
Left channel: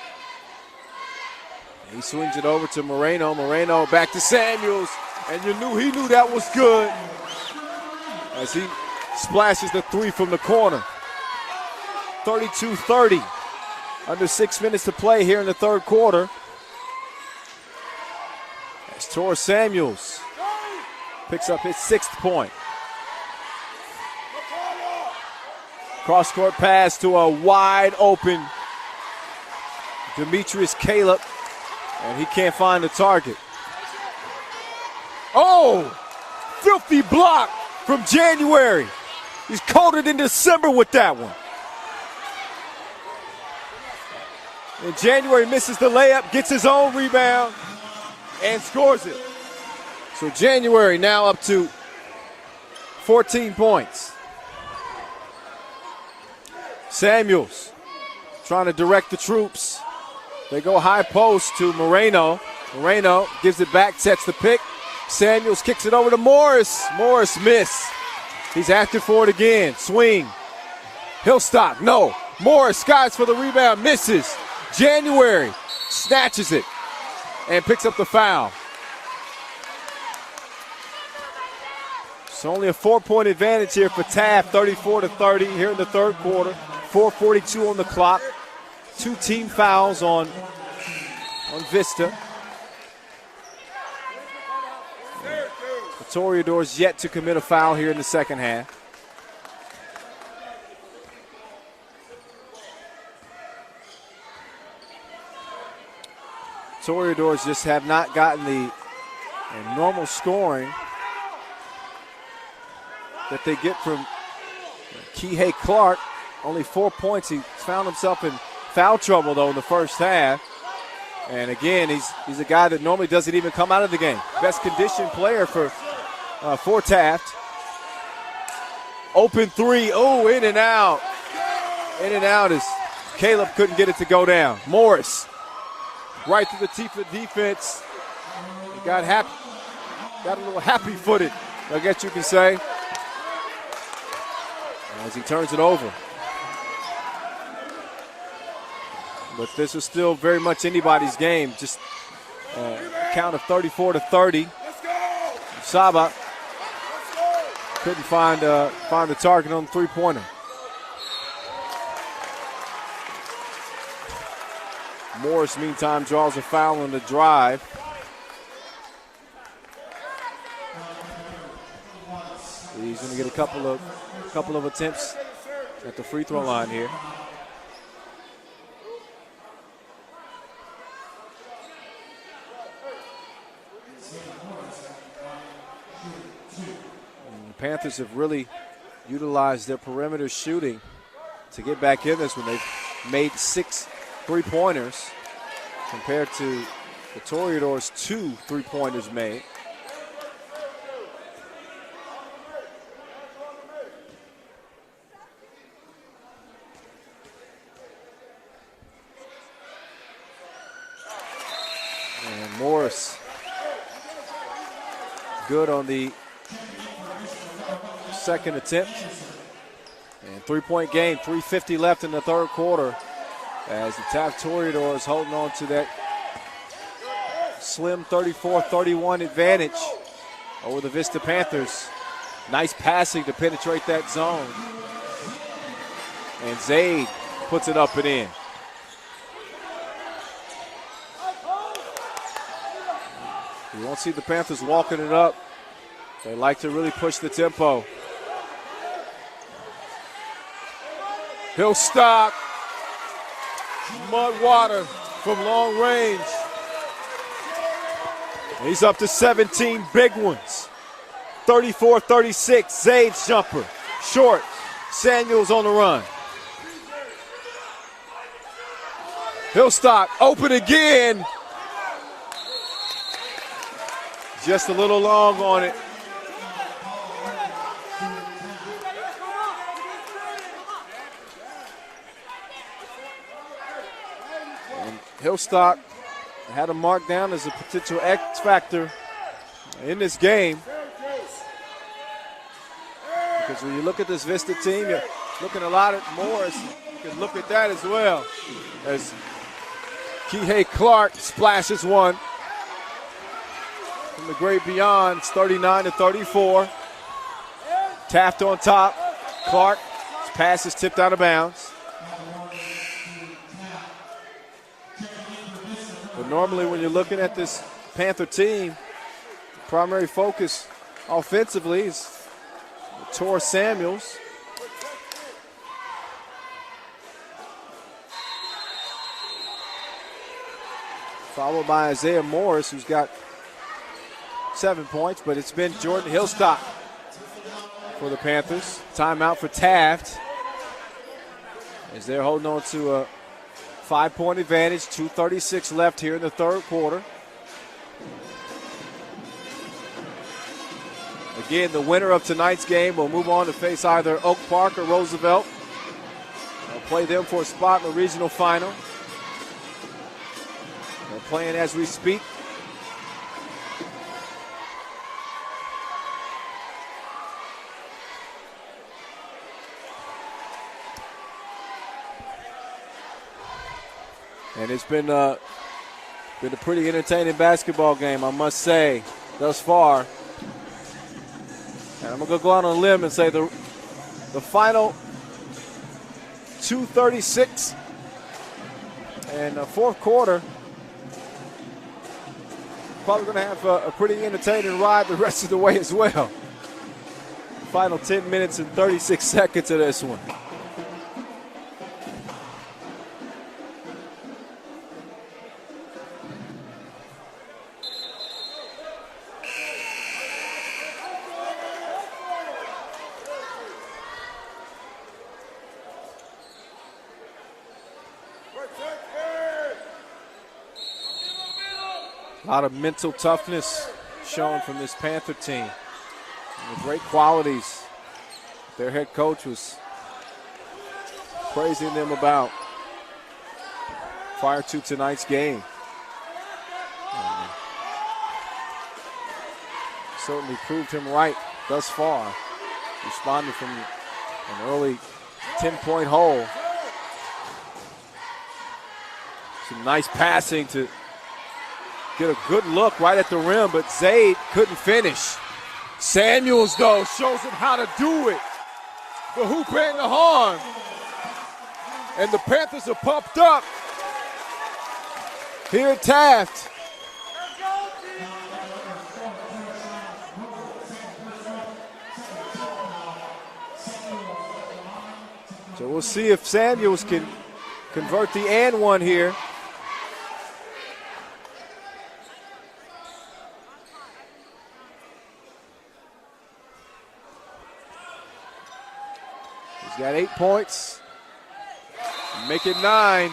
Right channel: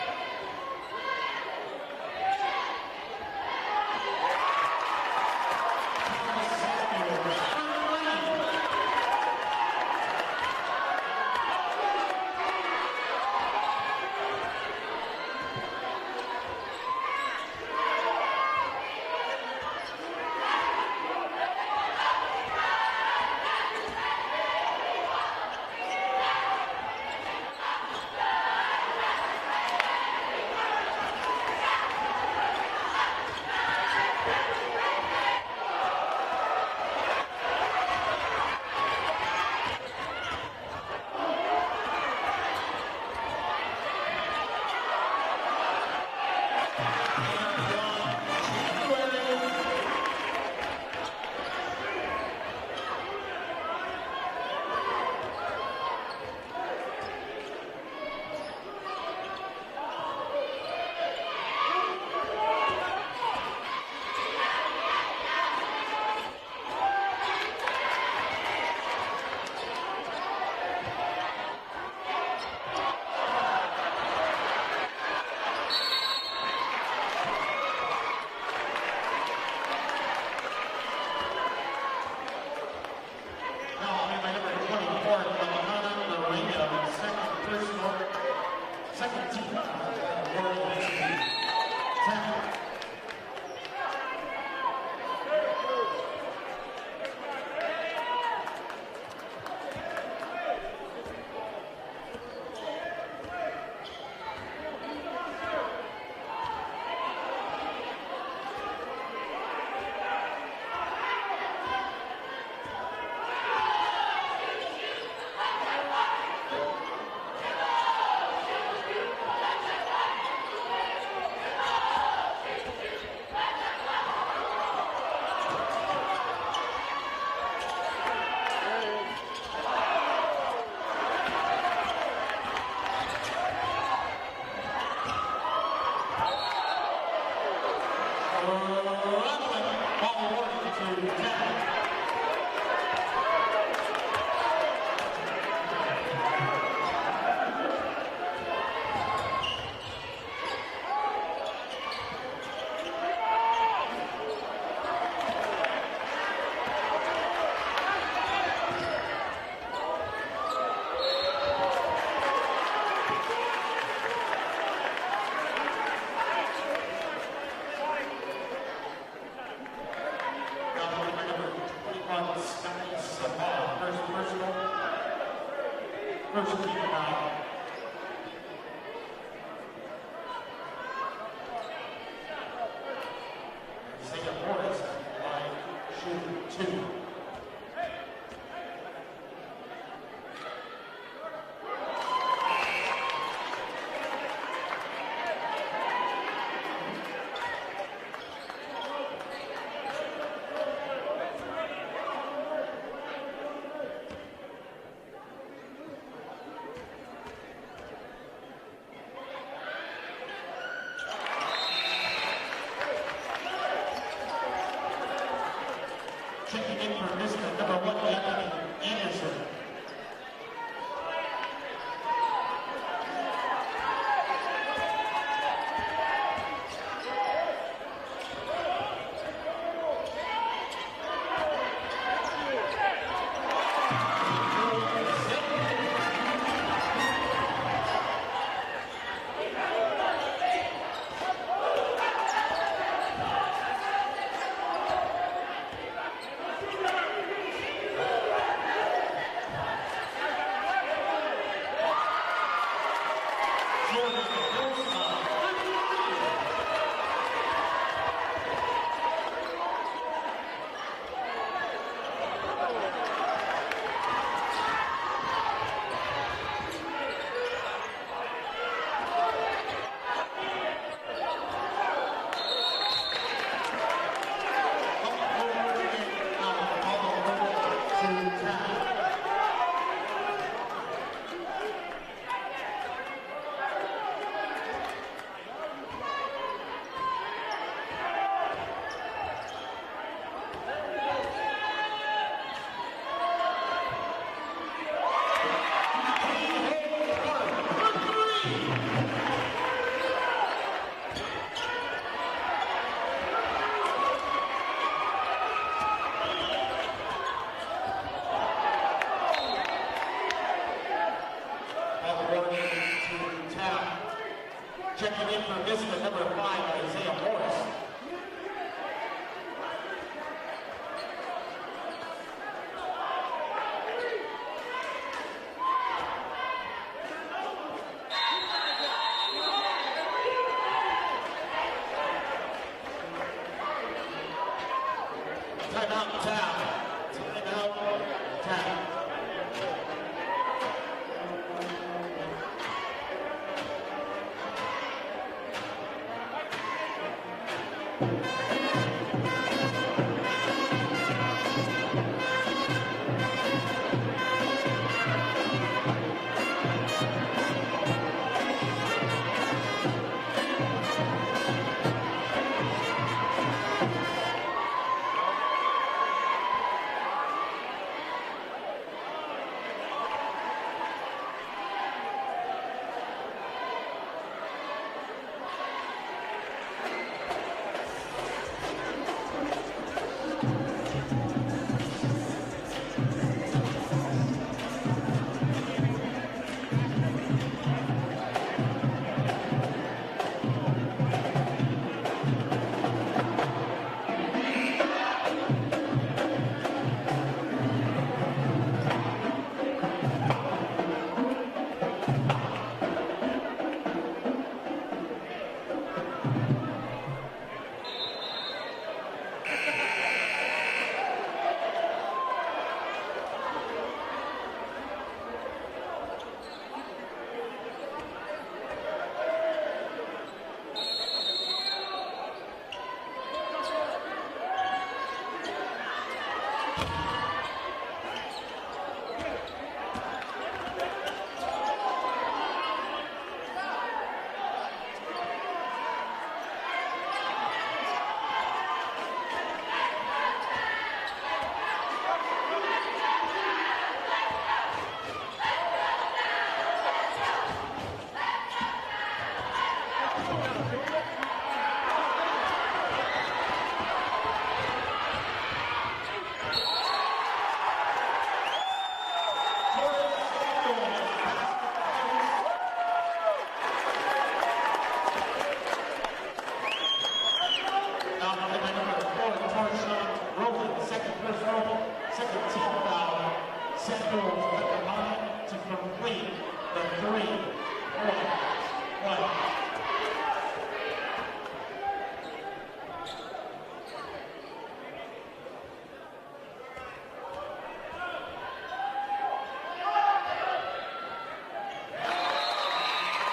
He swings it over to Moreno. Moreno back to Samuels, and he knew that was good as he splashes the 3 from the corner. 32-30. Under 6 minutes to play here in the third quarter. It's Torres Samuels. Picks up his 6th point. Cross-court pass to a wide open Demetrius Caleb, and he can't find the target. Oh, filthy block from January. He's coated in December with that one. And January misses the layup, gets his own rebound, and scores it. So January now up to 14 points. Samuels trying to direct the troops. They go high post to Moreno. Moreno gives it back, sets the pick. Samuels kicks it over to Morris. Morris miss. He's after for it again. Swing. He'll stop. No. Morris skies for the rebound. Misses. January snatches it and picks up the foul. It's only a 4-point advantage here for Taft, 34-30 here in the third quarter. 4:42 on the clock. 2 team fouls on Vista. The Toreadors yet to commit a foul here in the second half. Toreadors just have not gotten the normal scoring that they get from Kihei Clark. Only 4 points. He found himself in foul trouble, though, in the first half. And again, he's a guy that normally doesn't even come out of the game. Best conditioned player for Taft. Open three. Oh, in and out. In and out as Caleb couldn't get it to go down. Morris, right through the teeth of defense. Got a little happy-footed, I guess you can say, as he turns it over. But this was still very much anybody's game. Just a count of 34-30. Saba couldn't find the target on the three-pointer. Morris, meantime, draws a foul on the drive. He's going to get a couple of attempts at the free throw line here. The Panthers have really utilized their perimeter shooting to get back in this one. They've made 6 3-pointers compared to the Toreadors' 2 3-pointers made. And Morris good on the second attempt. And 3-point game, 3:50 left in the third quarter, as the Taft Toreadors holding on to that slim 34-31 advantage over the Vista Panthers. Nice passing to penetrate that zone. And Zaid puts it up and in. You won't see the Panthers walking it up. They like to really push the tempo. He'll stop. Mud water from long range. He's up to 17 big ones. 34-36, Zaid's jumper. Short, Samuels on the run. He'll stop, open again. Just a little long on it. Hillstock had him marked down as a potential X factor in this game. Because when you look at this Vista team, you're looking a lot at Morris. You look at that as well. As Kihei Clark splashes one from the great beyond. It's 39-34. Taft on top. Clark, his pass is tipped out of bounds. But normally when you're looking at this Panther team, primary focus offensively is Tor Samuels. Followed by Isaiah Morris, who's got 7 points, but it's been Jordan Hillstock for the Panthers. Timeout for Taft, as they're holding on to a 5-point advantage, 2:36 left here in the third quarter. Again, the winner of tonight's game will move on to face either Oak Park or Roosevelt Play them for a spot in the regional final. Playing as we speak. And it's been a pretty entertaining basketball game, I must say, thus far. And I'm going to go out on a limb and say the final 2:36 and the fourth quarter, probably going to have a pretty entertaining ride the rest of the way as well. Final 10 minutes and 36 seconds of this one. A lot of mental toughness shown from this Panther team. And great qualities their head coach was praising them about prior to tonight's game. Certainly proved him right thus far. Responded from an early 10-point hole. Some nice passing to get a good look right at the rim, but Zaid couldn't finish. Samuels, though, shows him how to do it. The hoop and the horn. And the Panthers are pumped up here at Taft. So we'll see if Samuels can convert the and one here. He's got 8 points. Make it 9.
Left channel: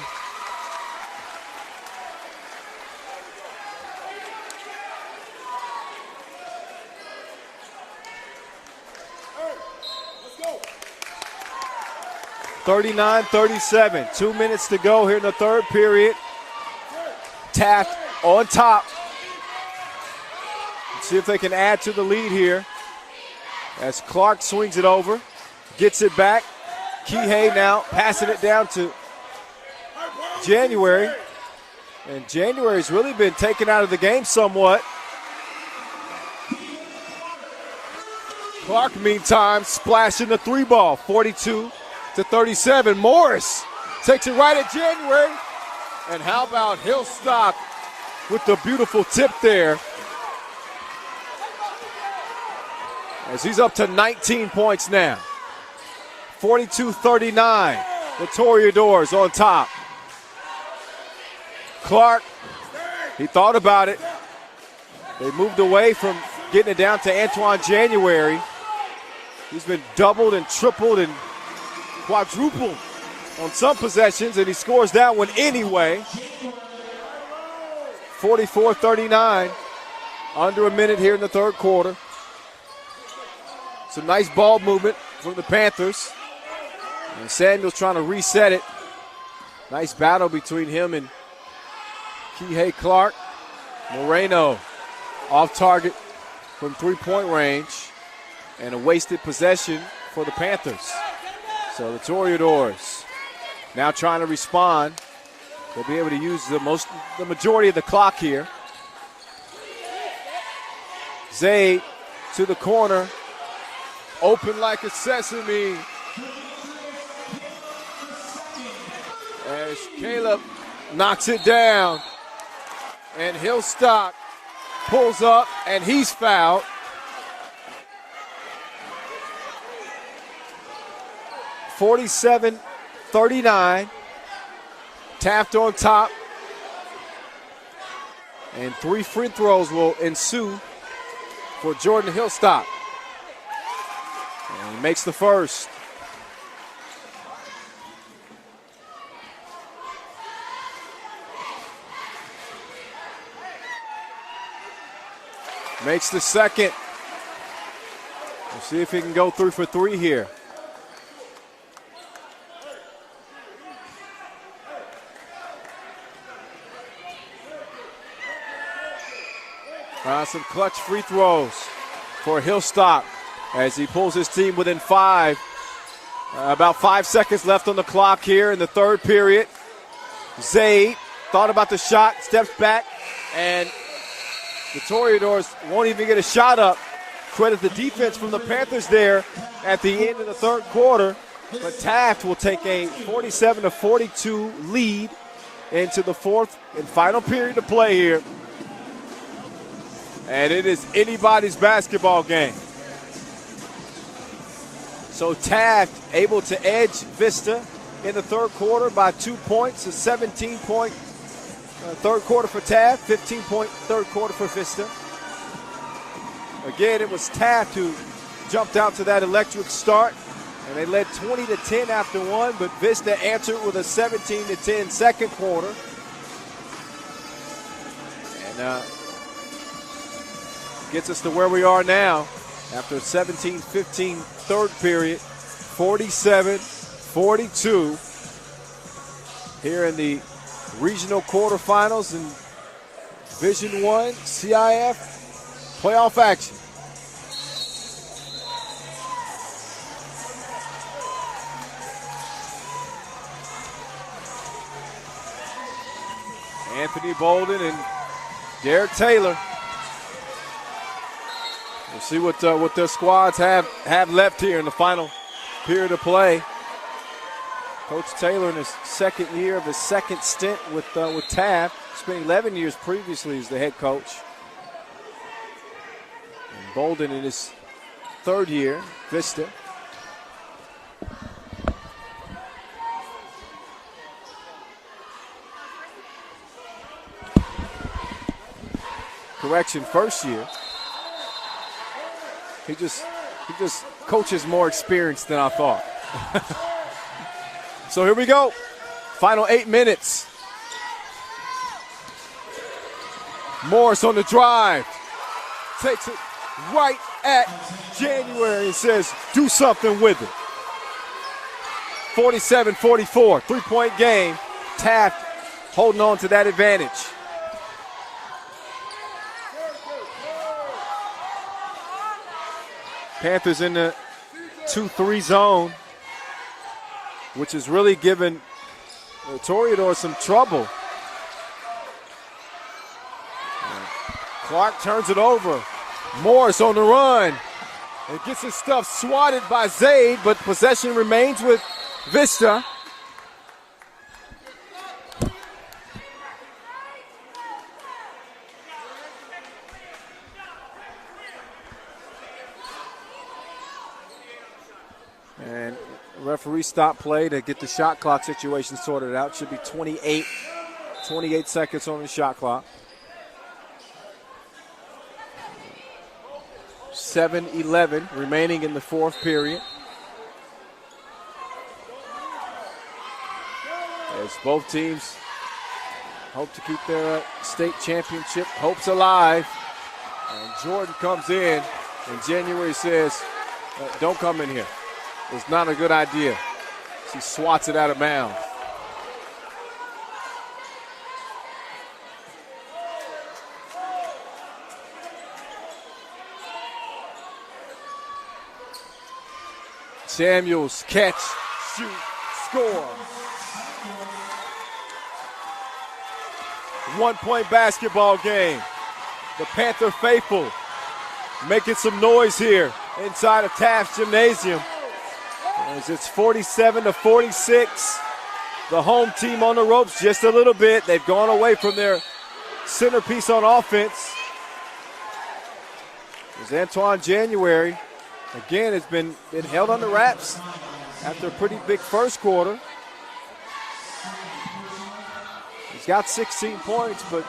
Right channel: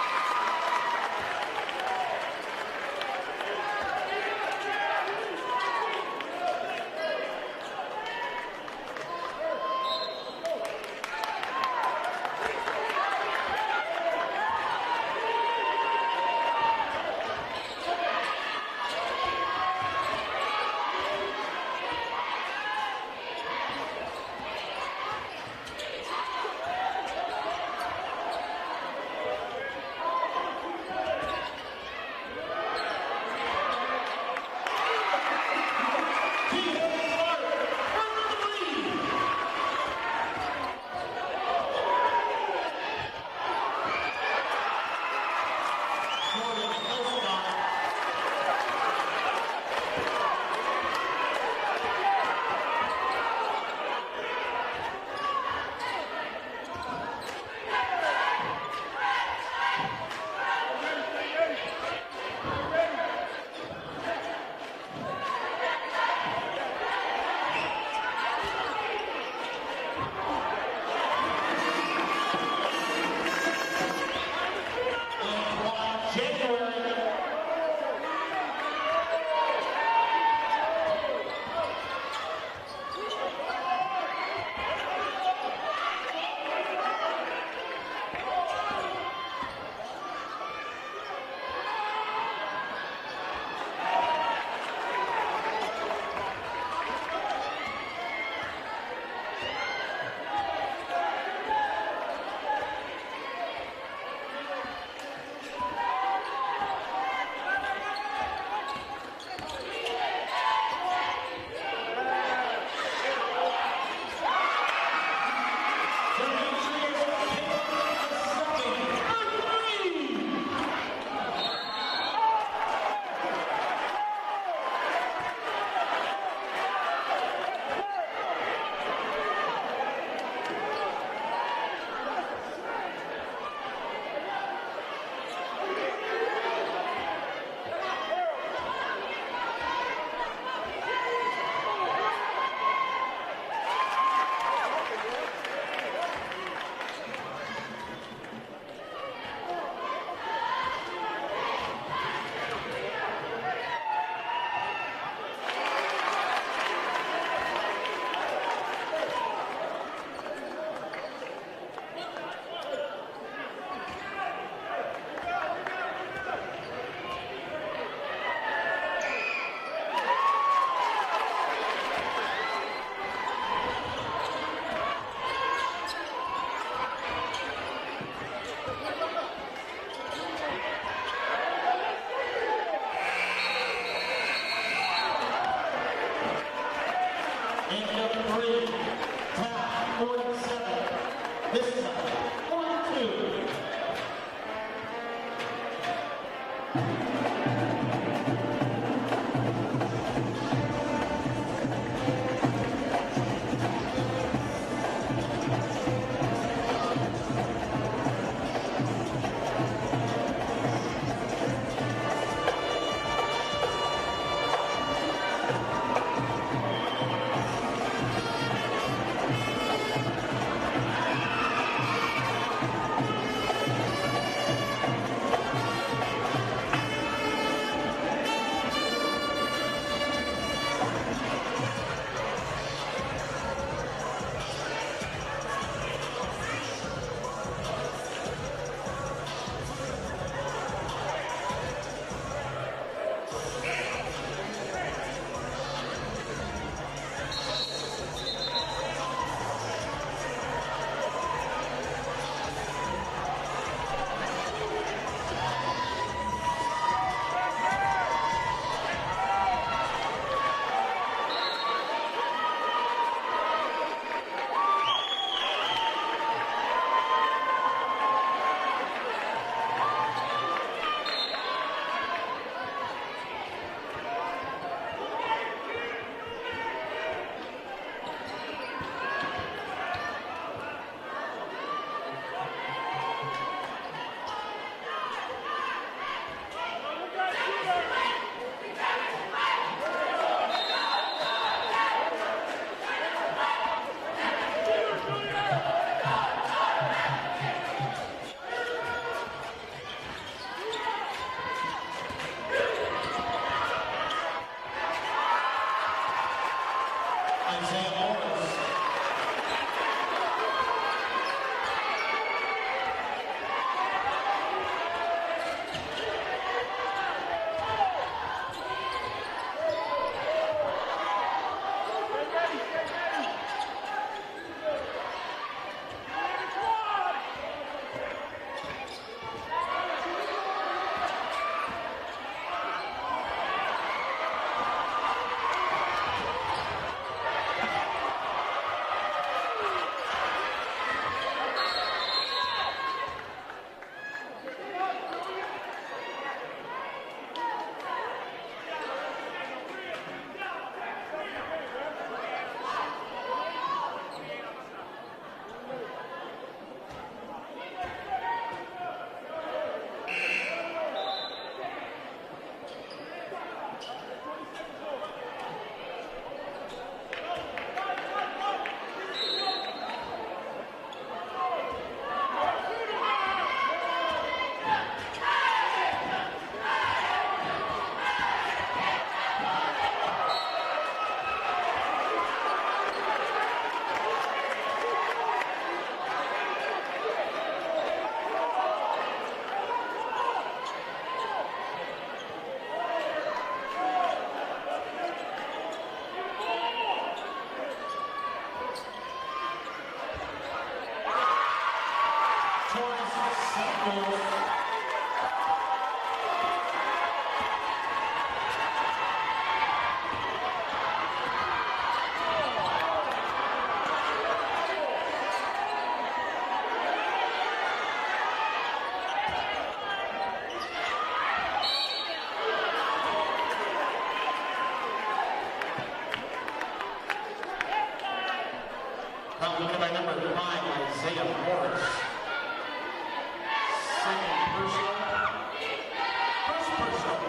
(39-37). 2 minutes to go here in the third period. Taft on top. See if they can add to the lead here. As Clark swings it over, gets it back. Kihei now passing it down to January. And January's really been taken out of the game somewhat. Clark, meantime, splashing the three ball, 42-37. Morris takes it right at January. And how about Hillstock with the beautiful tip there. As he's up to 19 points now. 42-39. The Toreadors on top. Clark, he thought about it. They moved away from getting it down to Antoine January. He's been doubled and tripled and quadrupled on some possessions, and he scores that one anyway. 44-39. Under a minute here in the third quarter. Some nice ball movement from the Panthers. And Samuel's trying to reset it. Nice battle between him and Kihei Clark. Moreno off target from three-point range. And a wasted possession for the Panthers. So the Toreadors now trying to respond. They'll be able to use the majority of the clock here. Zay to the corner. Open like a sesame. As Caleb knocks it down. And Hillstock pulls up, and he's fouled. (47-39). Taft on top. And 3 free throws will ensue for Jordan Hillstock. And he makes the first. Makes the second. We'll see if he can go through for 3 here. Some clutch free throws for Hillstock as he pulls his team within 5. About 5 seconds left on the clock here in the third period. Zaid thought about the shot, steps back, and the Toreadors won't even get a shot up. Credit the defense from the Panthers there at the end of the third quarter. But Taft will take a 47-42 lead into the fourth and final period to play here. And it is anybody's basketball game. So Taft able to edge Vista in the third quarter by 2 points, a 17-point third quarter for Taft, 15-point third quarter for Vista. Again, it was Taft who jumped out to that electric start. They led 20-10 after one, but Vista answered with a 17-10 second quarter. Gets us to where we are now after a 17-15 third period, 47-42 here in the regional quarterfinals in Division I CIF playoff action. Anthony Bolden and Derek Taylor. We'll see what their squads have left here in the final period of play. Coach Taylor in his second year of his second stint with Taft. Spent 11 years previously as the head coach. And Bolden in his third year, Vista. Correction, first year. He just coaches more experience than I thought. So here we go. Final 8 minutes. Morris on the drive. Takes it right at January and says, do something with it. 47-44, 3-point game. Taft holding on to that advantage. Panthers in the 2-3 zone, which has really given the Toreadors some trouble. Clark turns it over. Morris on the run. And gets his stuff swatted by Zaid, but possession remains with Vista. Referee stop play to get the shot clock situation sorted out. Should be 28 seconds on the shot clock. 7-11 remaining in the fourth period. As both teams hope to keep their state championship hopes alive. And Jordan comes in and January says, don't come in here. It's not a good idea. She swats it out of bounds. Samuels, catch, shoot, score. 1-point basketball game. The Panther faithful making some noise here inside of Taft Gymnasium. As it's 47-46. The home team on the ropes just a little bit. They've gone away from their centerpiece on offense. As Antoine January, again, has been held on the wraps after a pretty big first quarter. He's got 16 points, but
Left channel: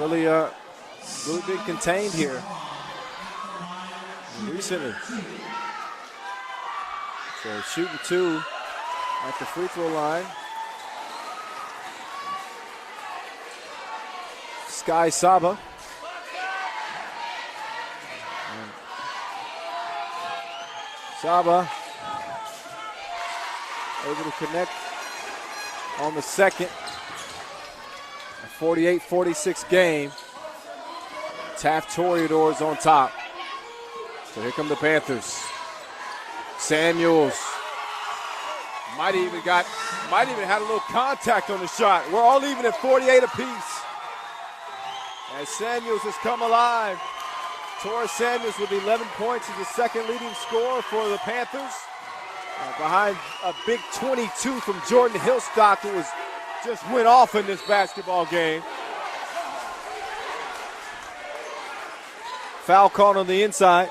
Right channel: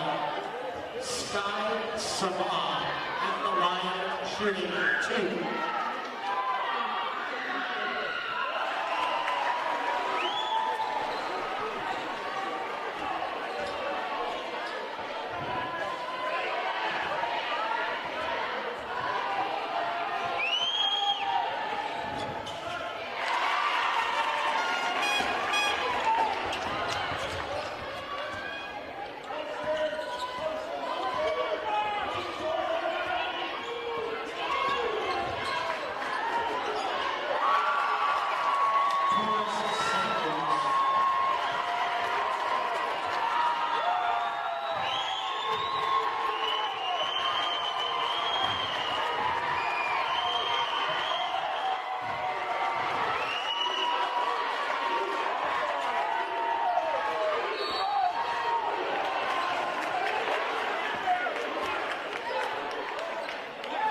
really been contained here. Recently. So shooting 2 at the free throw line. Sky Saba. Saba able to connect on the second. 48-46 game. Taft Toreadors on top. So here come the Panthers. Samuels might even had a little contact on the shot. We're all even at 48 apiece. As Samuels has come alive. Torres Samuels with 11 points is the second leading scorer for the Panthers. Behind a big 22 from Jordan Hillstock, who just went off in this basketball game. Foul called on the inside.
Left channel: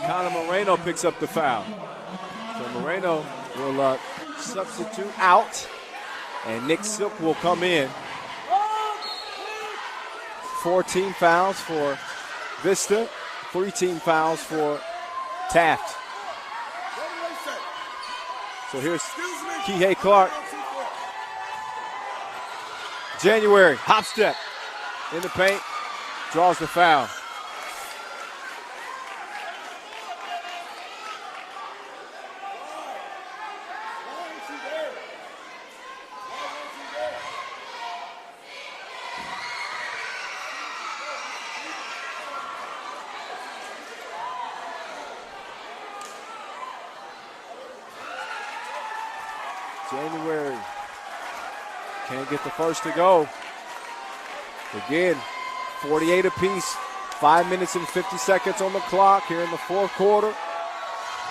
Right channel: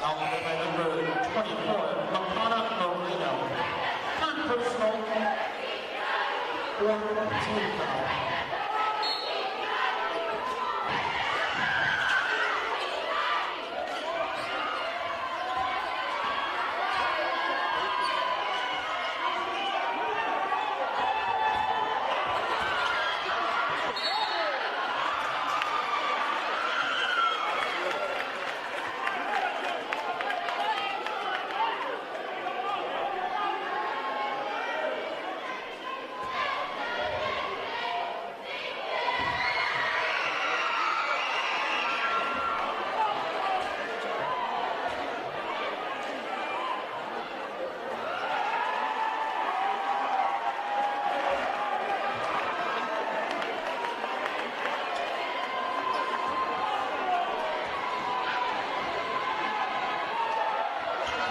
Connor Moreno picks up the foul. So Moreno will substitute out, and Nick Silk will come in. 14 fouls for Vista, 3 team fouls for Taft. So here's Kihei Clark. January, hop step in the paint, draws the foul. January can't get the first to go. Again, 48 apiece. 5 minutes and 50 seconds on the clock here in the fourth quarter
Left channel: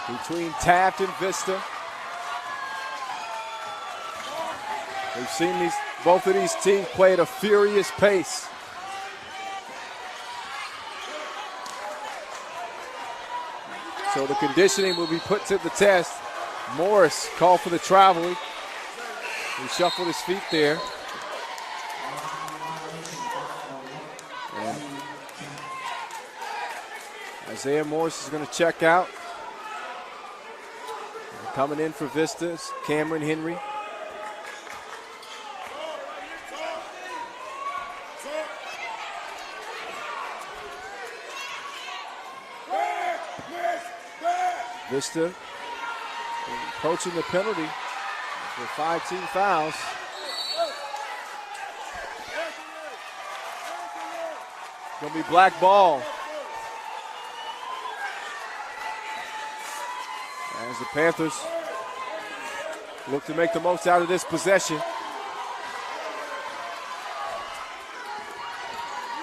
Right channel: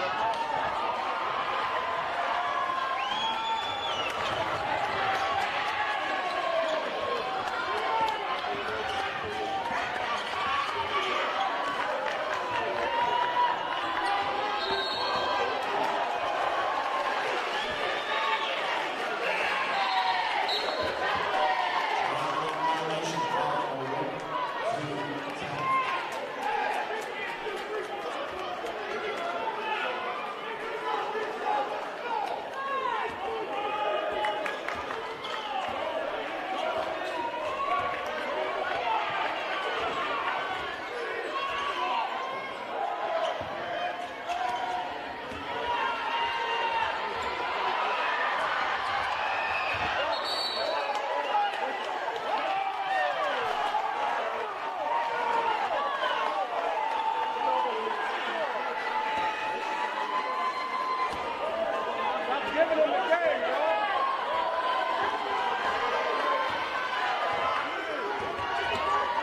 between Taft and Vista. We've seen both of these teams play at a furious pace. So the conditioning will be put to the test. Morris called for the travel. He shuffled his feet there. Isaiah Morris is going to check out. Coming in for Vista is Cameron Henry. Vista approaching the penalty for 5 team fouls. Going to be black ball. As the Panthers look to make the most out of this possession.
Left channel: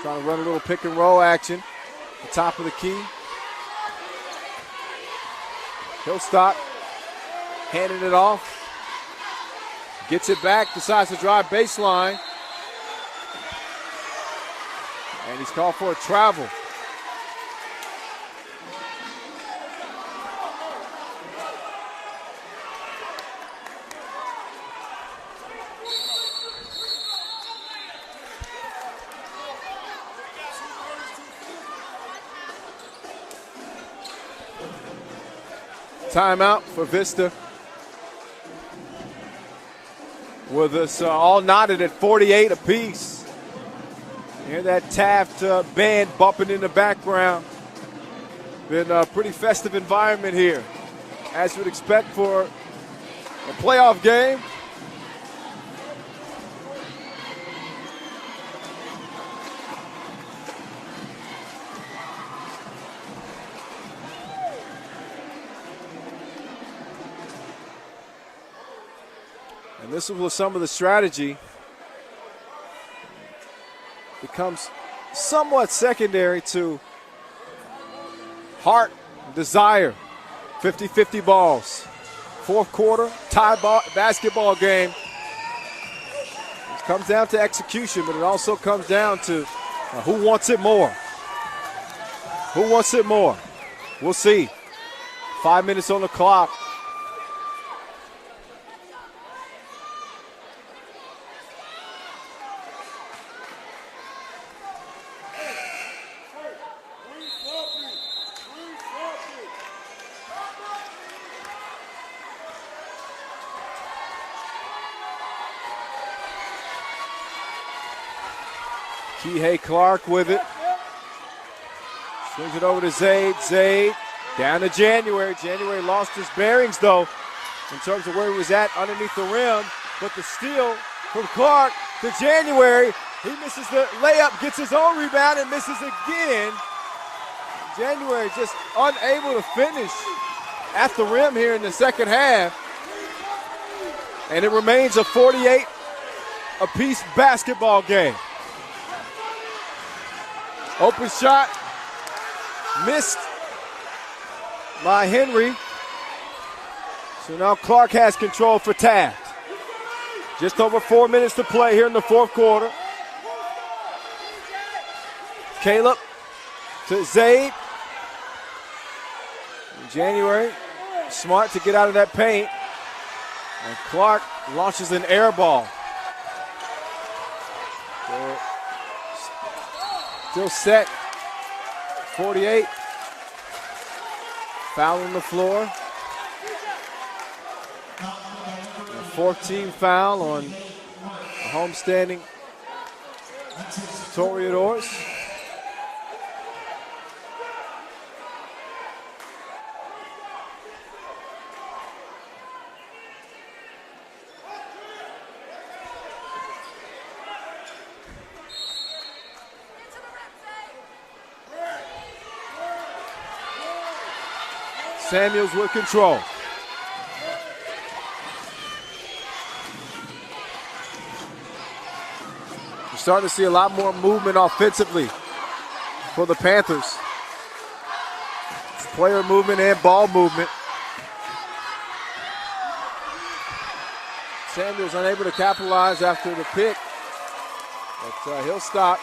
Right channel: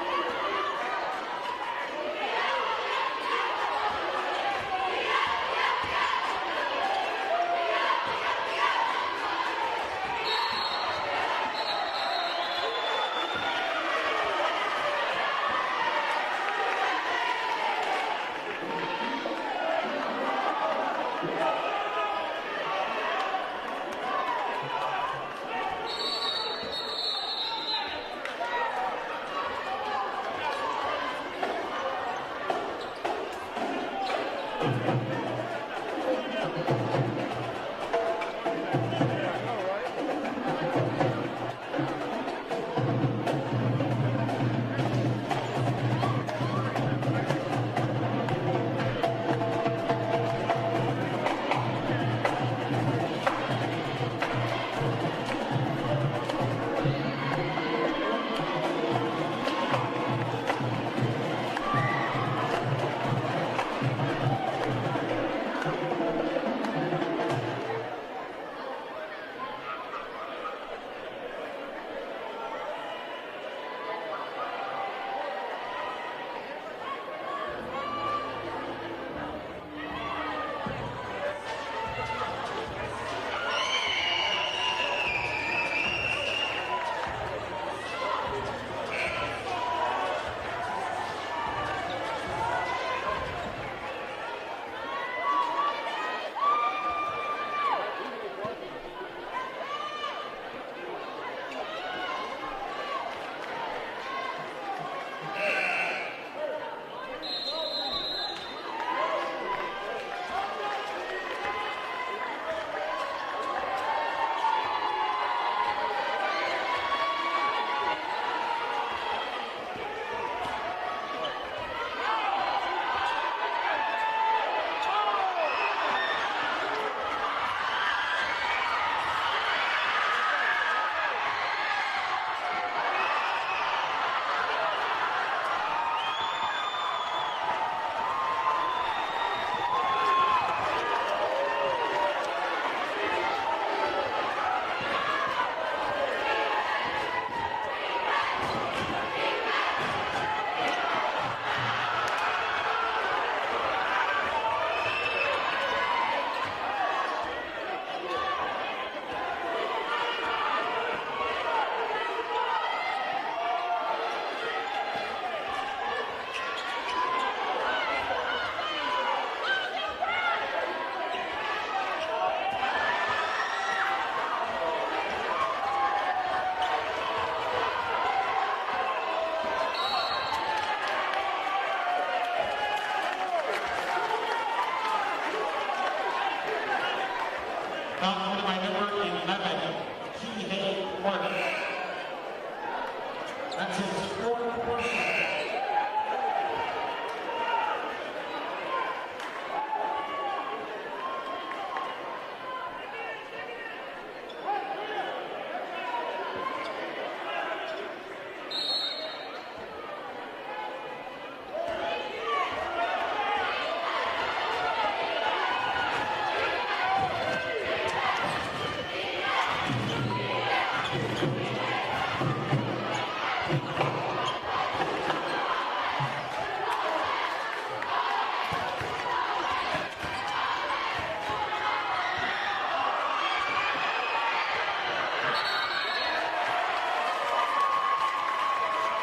Trying to run a little pick and roll action at the top of the key. Hillstock handing it off. Gets it back, decides to drive baseline. And he's called for a travel. Timeout for Vista. With us all knotted at 48 apiece. You hear that Taft band bumping in the background. Been a pretty festive environment here, as you'd expect for a playoff game. This is where some of the strategy becomes somewhat secondary to heart, desire. 50-50 balls. Fourth quarter, tie basketball game. It comes down to execution, but it also comes down to who wants it more. Who wants it more? We'll see. 5 minutes on the clock. Kihei Clark with it. Swings it over to Zaid. Zaid Down to January. January lost his bearings, though, in terms of where he was at underneath the rim. But the steal from Clark to January. He misses the layup, gets his own rebound, and misses again. January just unable to finish at the rim here in the second half. And it remains a 48-apiece basketball game. Open shot, missed by Henry. So now Clark has control for Taft. Just over 4 minutes to play here in the fourth quarter. Caleb to Zaid. January, smart to get out of that paint. And Clark launches an air ball. Still set. 48. Foul on the floor. 14 foul on the homestanding Toreadors. Samuels with control. We're starting to see a lot more movement offensively for the Panthers. Player movement and ball movement. Samuels unable to capitalize after the pick. But he'll stop.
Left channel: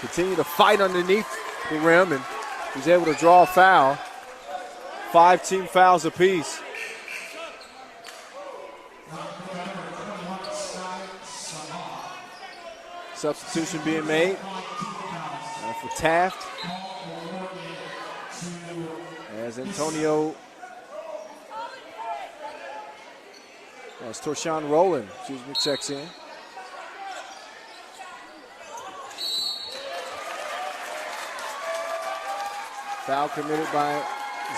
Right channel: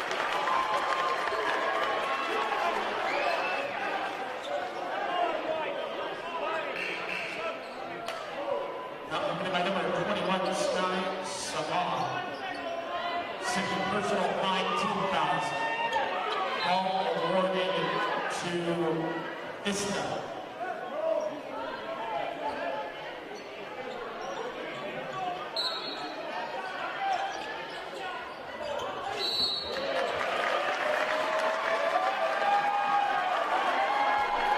Continue to fight underneath the rim, and he's able to draw a foul. 5 team fouls apiece. Substitution being made for Taft. As Antonio, as Torshawn Rowland, checks in. Foul committed by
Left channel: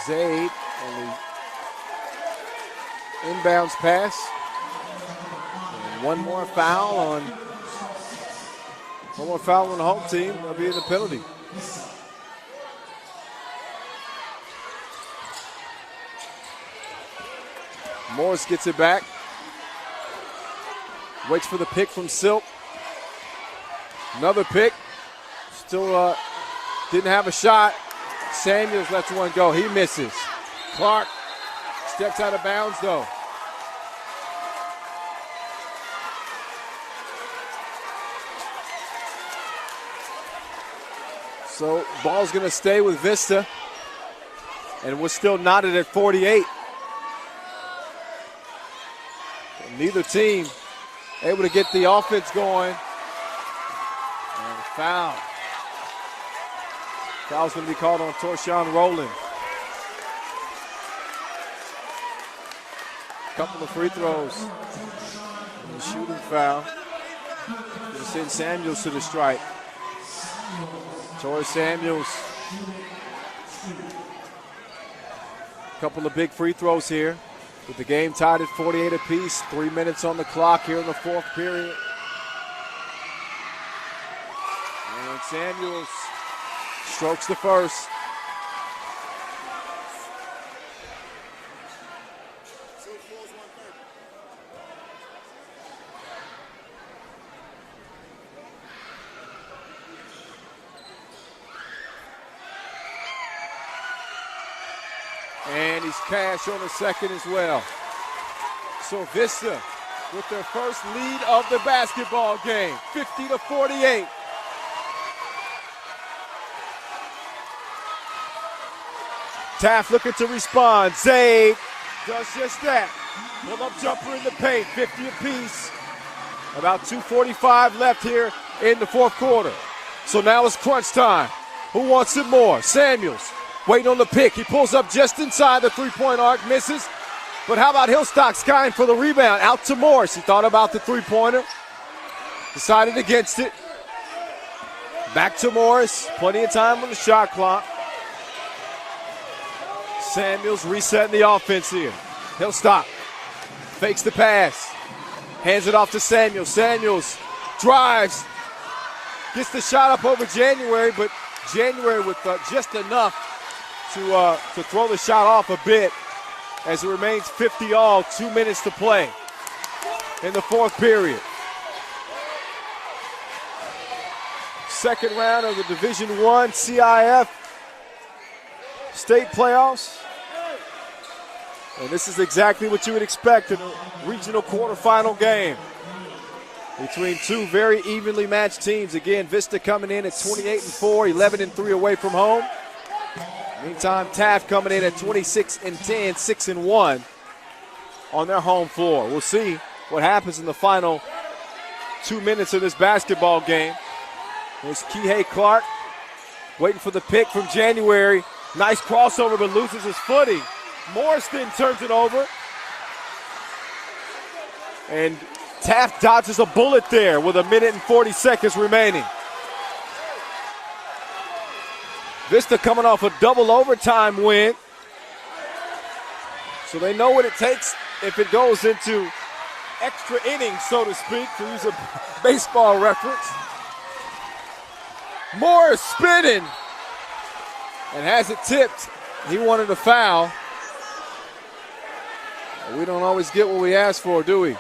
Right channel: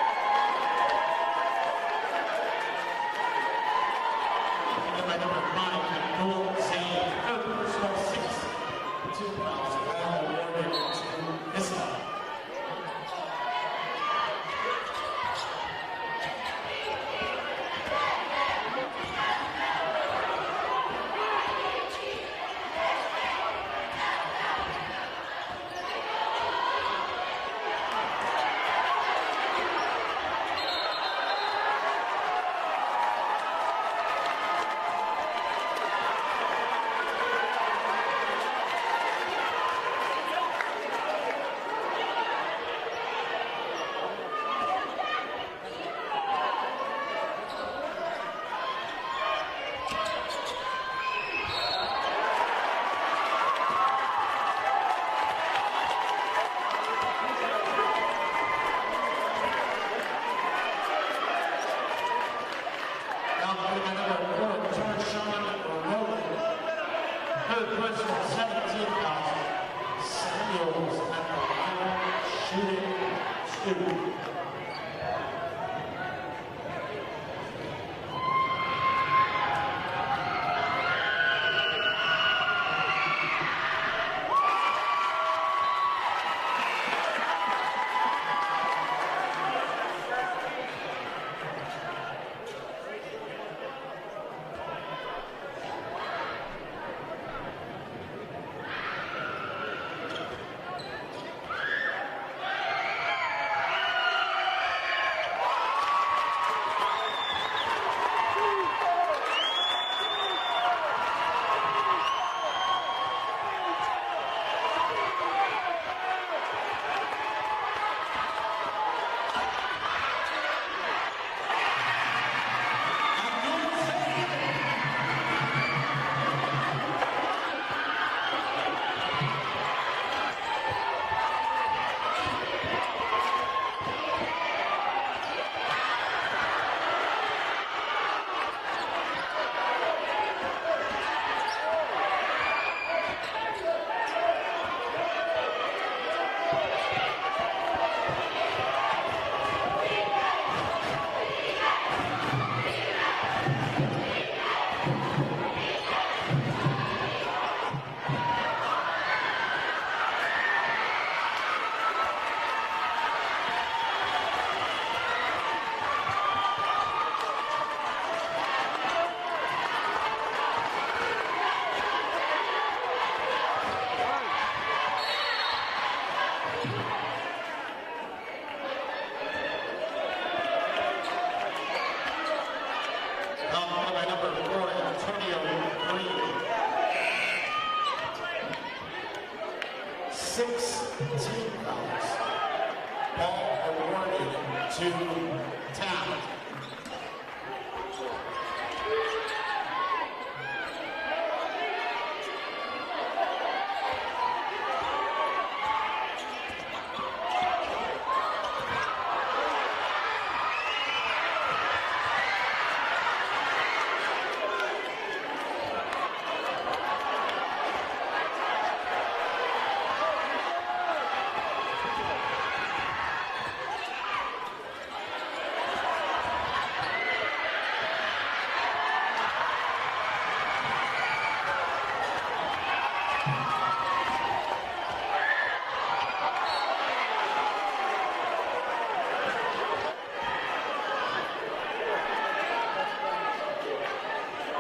Zaid. Inbounds pass. One more foul on the home team. It'll be in the penalty. Morris gets it back. Waits for the pick from Silk. Another pick. Still didn't have a shot. Samuels lets one go. He misses. Clark steps out of bounds, though. So ball's going to stay with Vista. And we're still knotted at 48. Neither team able to get the offense going. And foul. Foul's going to be called on Torshawn Rowland. Couple of free throws. And a shooting foul. They send Samuels to the strike. Torrey Samuels. A couple of big free throws here. With the game tied at 48 apiece. 3 minutes on the clock here in the fourth period. And Samuels strokes the first. And he's cashed on the second as well. So Vista with their first lead of the basketball game, 50-48. Taft looking to respond. Zaid does just that. Pull-up jumper in the paint, 50 apiece. About 2:45 left here in the fourth quarter. So now it's crunch time. Who wants it more? Samuels waiting on the pick. He pulls up just inside the three-point arc, misses. But how about Hillstock skying for the rebound? Out to Morris. He thought about the three-pointer. Decided against it. Back to Morris. Plenty of time on the shot clock. Samuels resetting the offense here. He'll stop. Fakes the pass. Hands it off to Samuels. Samuels drives. Gets the shot up over January, but January with just enough to throw the shot off a bit as it remains 50 all, 2 minutes to play in the fourth period. Second round of the Division I CIF state playoffs. And this is exactly what you would expect in a regional quarterfinal game between two very evenly matched teams. Again, Vista coming in at 28-4, 11-3 away from home. Meantime, Taft coming in at 26-10, 6-1 on their home floor. We'll see what happens in the final 2 minutes of this basketball game. There's Kihei Clark waiting for the pick from January. Nice crossover, but loses his footing. Morrison turns it over. And Taft dodges a bullet there with 1 minute and 40 seconds remaining. Vista coming off a double overtime win. So they know what it takes if it goes into extra innings, so to speak, to use a baseball reference. Morris spinning and has it tipped. He wanted a foul. We don't always get what we ask for, do we?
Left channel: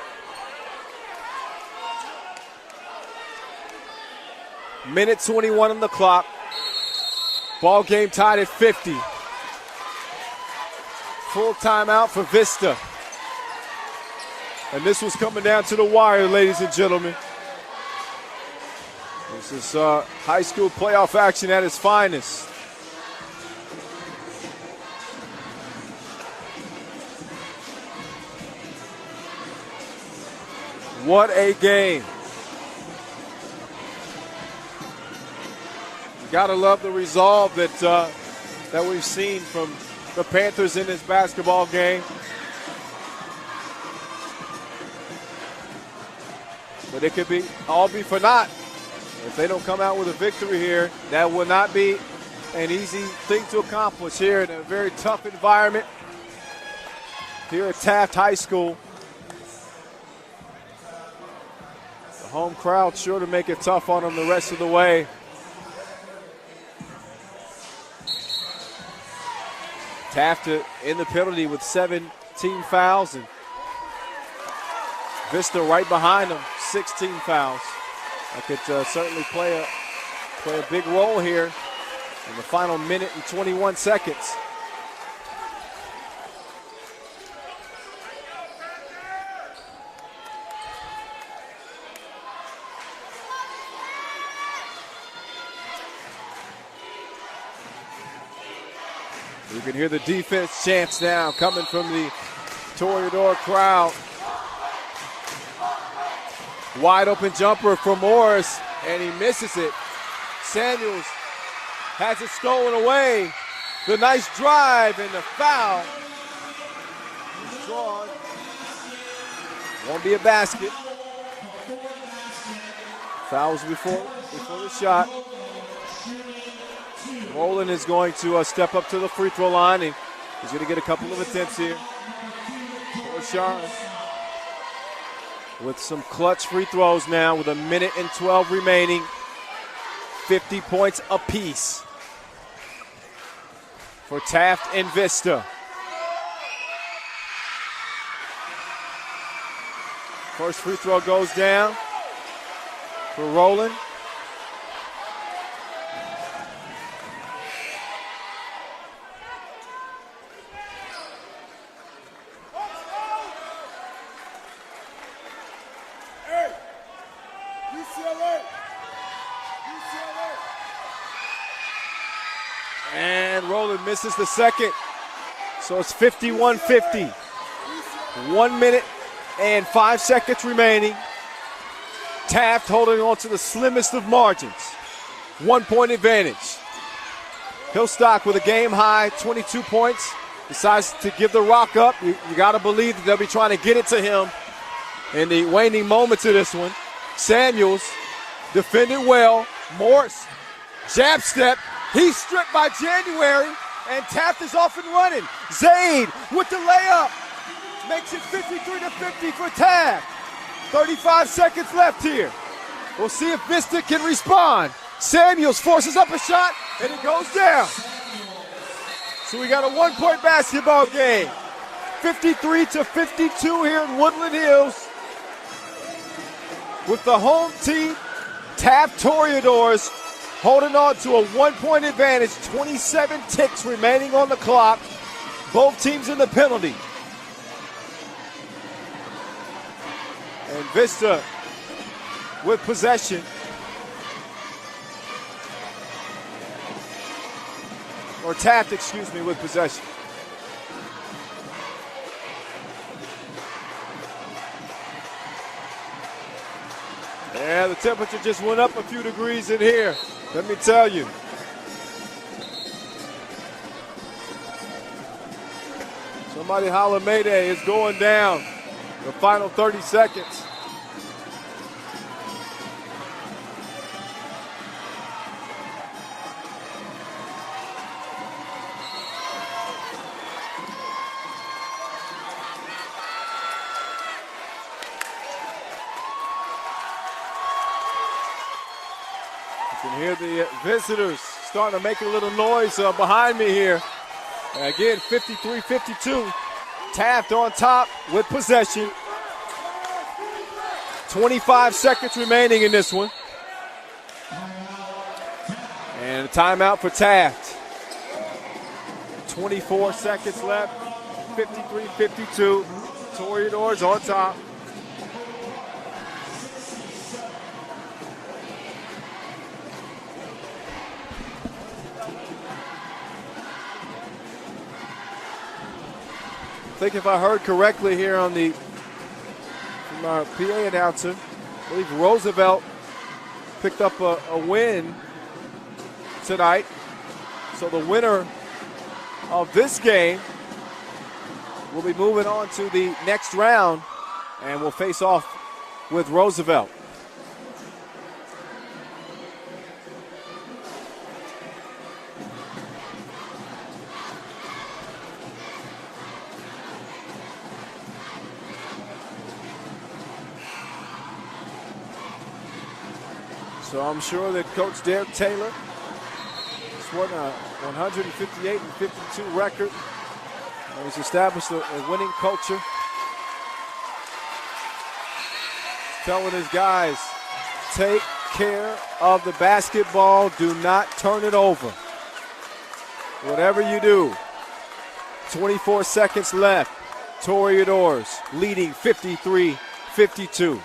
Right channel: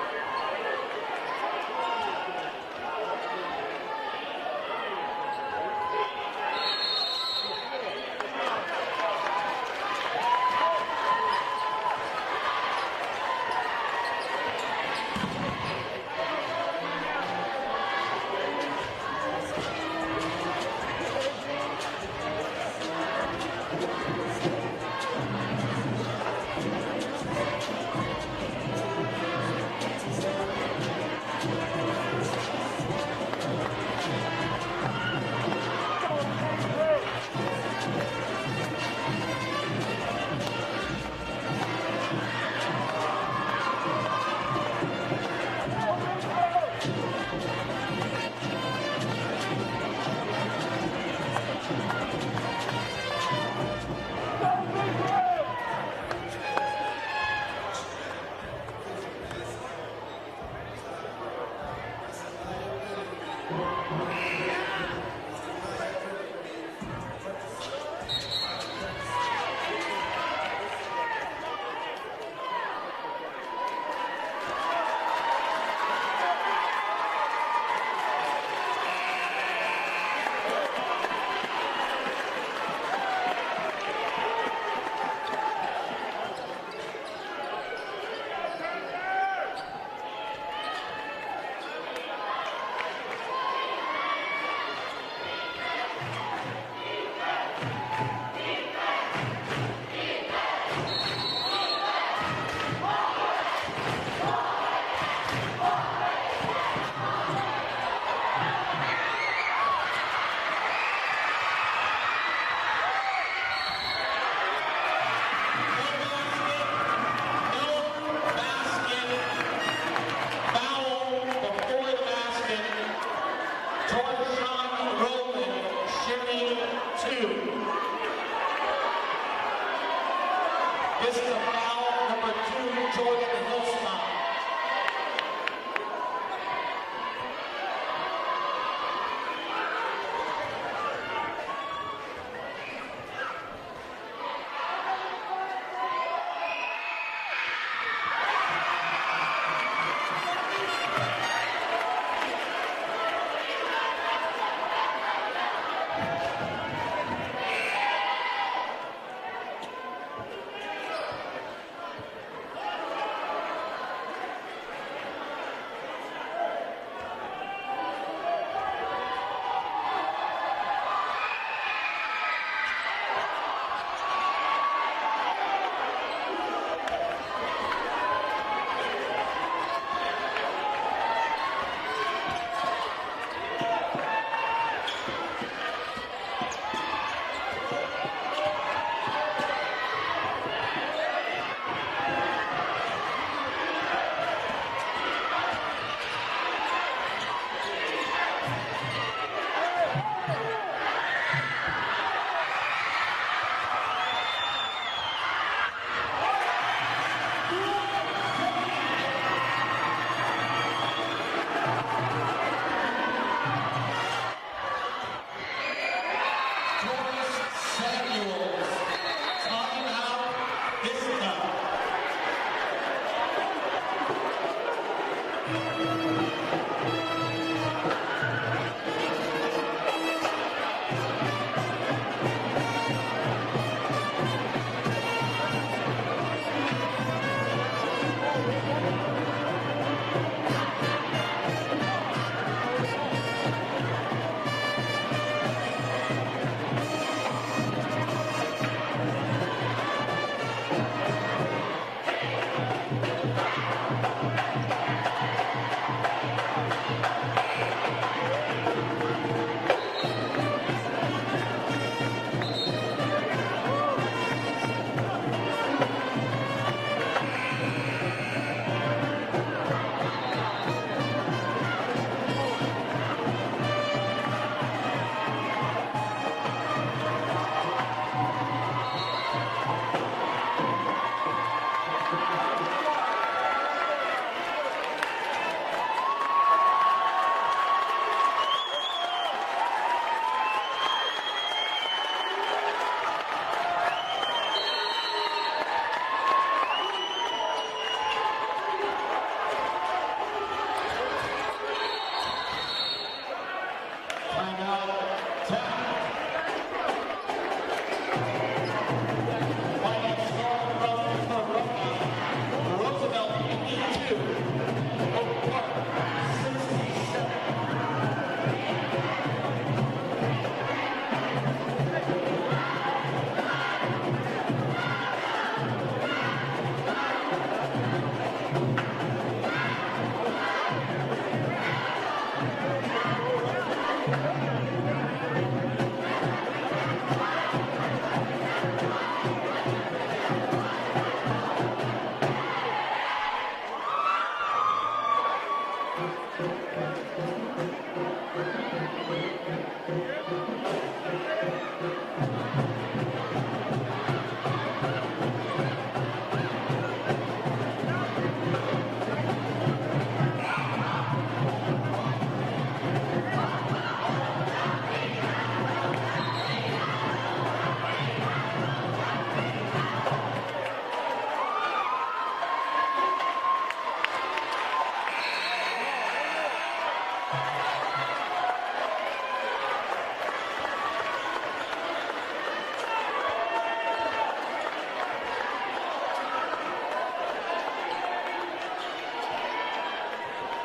Minute 21 on the clock. Ball game tied at 50. Full timeout for Vista. And this was coming down to the wire, ladies and gentlemen. This is high school playoff action at its finest. What a game. Gotta love the resolve that we've seen from the Panthers in this basketball game. But it could all be for naught if they don't come out with a victory here. That will not be an easy thing to accomplish here in a very tough environment here at Taft High School. Home crowd sure to make it tough on them the rest of the way. Taft in the penalty with 17 fouls, and Vista right behind them, 16 fouls. That could certainly play a big role here in the final minute and 21 seconds. You can hear the defense chants now coming from the Toreador crowd. Wide open jumper for Morris, and he misses it. Samuels has it stolen away. The nice drive and the foul. Won't be a basket. Fouls before the shot. Rowland is going to step up to the free throw line, and he's going to get a couple of attempts here. Shots with some clutch free throws now with 1 minute and 12 remaining. 50 points apiece for Taft and Vista. First free throw goes down for Rowland. Misses the second, so it's 51-50. 1 minute and 5 seconds remaining. Taft holding on to the slimmest of margins. 1 point advantage. Hillstock with a game high 22 points. Decides to give the rock up. You got to believe that they'll be trying to get it to him in the waning moments of this one. Samuels defended well. Morris, jab step. He's stripped by January. And Taft is off and running. Zaid with the layup. Makes it 53-50 for Taft. 35 seconds left here. We'll see if Vista can respond. Samuels forces up a shot, and it goes down. So we got a one-point basketball game. 53-52 here in Woodland Hills. With the home team, Taft Toreadors, holding on to a one-point advantage. 27 ticks remaining on the clock. Both teams in the penalty. And Vista with possession. Or Taft, excuse me, with possession. Yeah, the temperature just went up a few degrees in here, let me tell you. Somebody holler Mayday, it's going down. The final 30 seconds. Hear the visitors starting to make a little noise behind me here. And again, 53-52. Taft on top with possession. 25 seconds remaining in this one. And a timeout for Taft. 24 seconds left. 53-52. Toreadors on top. I think if I heard correctly here on the PA announcer, I believe Roosevelt picked up a win tonight. So the winner of this game will be moving on to the next round and will face off with Roosevelt. So I'm sure that Coach Derek Taylor has won a 158-52 record. He's established a winning culture. He's telling his guys, take care of the basketball. Do not turn it over. Whatever you do. 24 seconds left. Toreadors leading 53-52.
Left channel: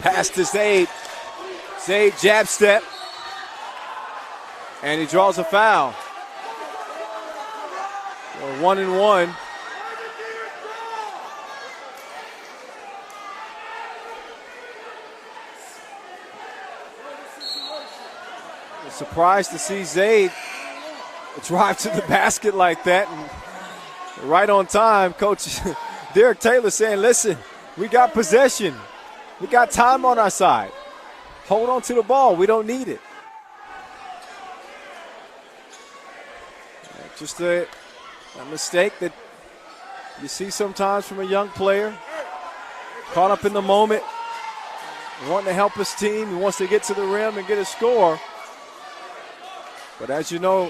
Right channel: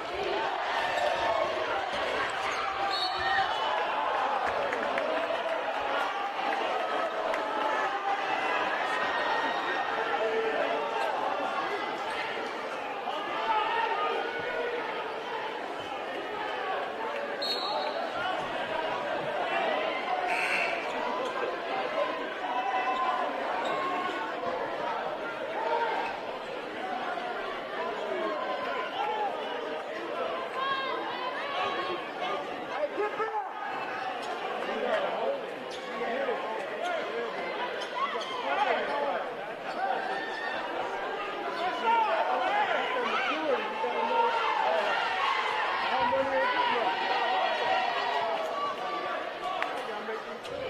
Pass to Zaid. Zaid jab step. And he draws a foul. 1-and-1. Surprised to see Zaid drive to the basket like that. And right on time, Coach Derek Taylor saying, listen, we got possession. We got time on our side. Hold on to the ball. We don't need it. Just a mistake that you see sometimes from a young player. Caught up in the moment. Wanting to help his team. He wants to get to the rim and get a score. But as you know,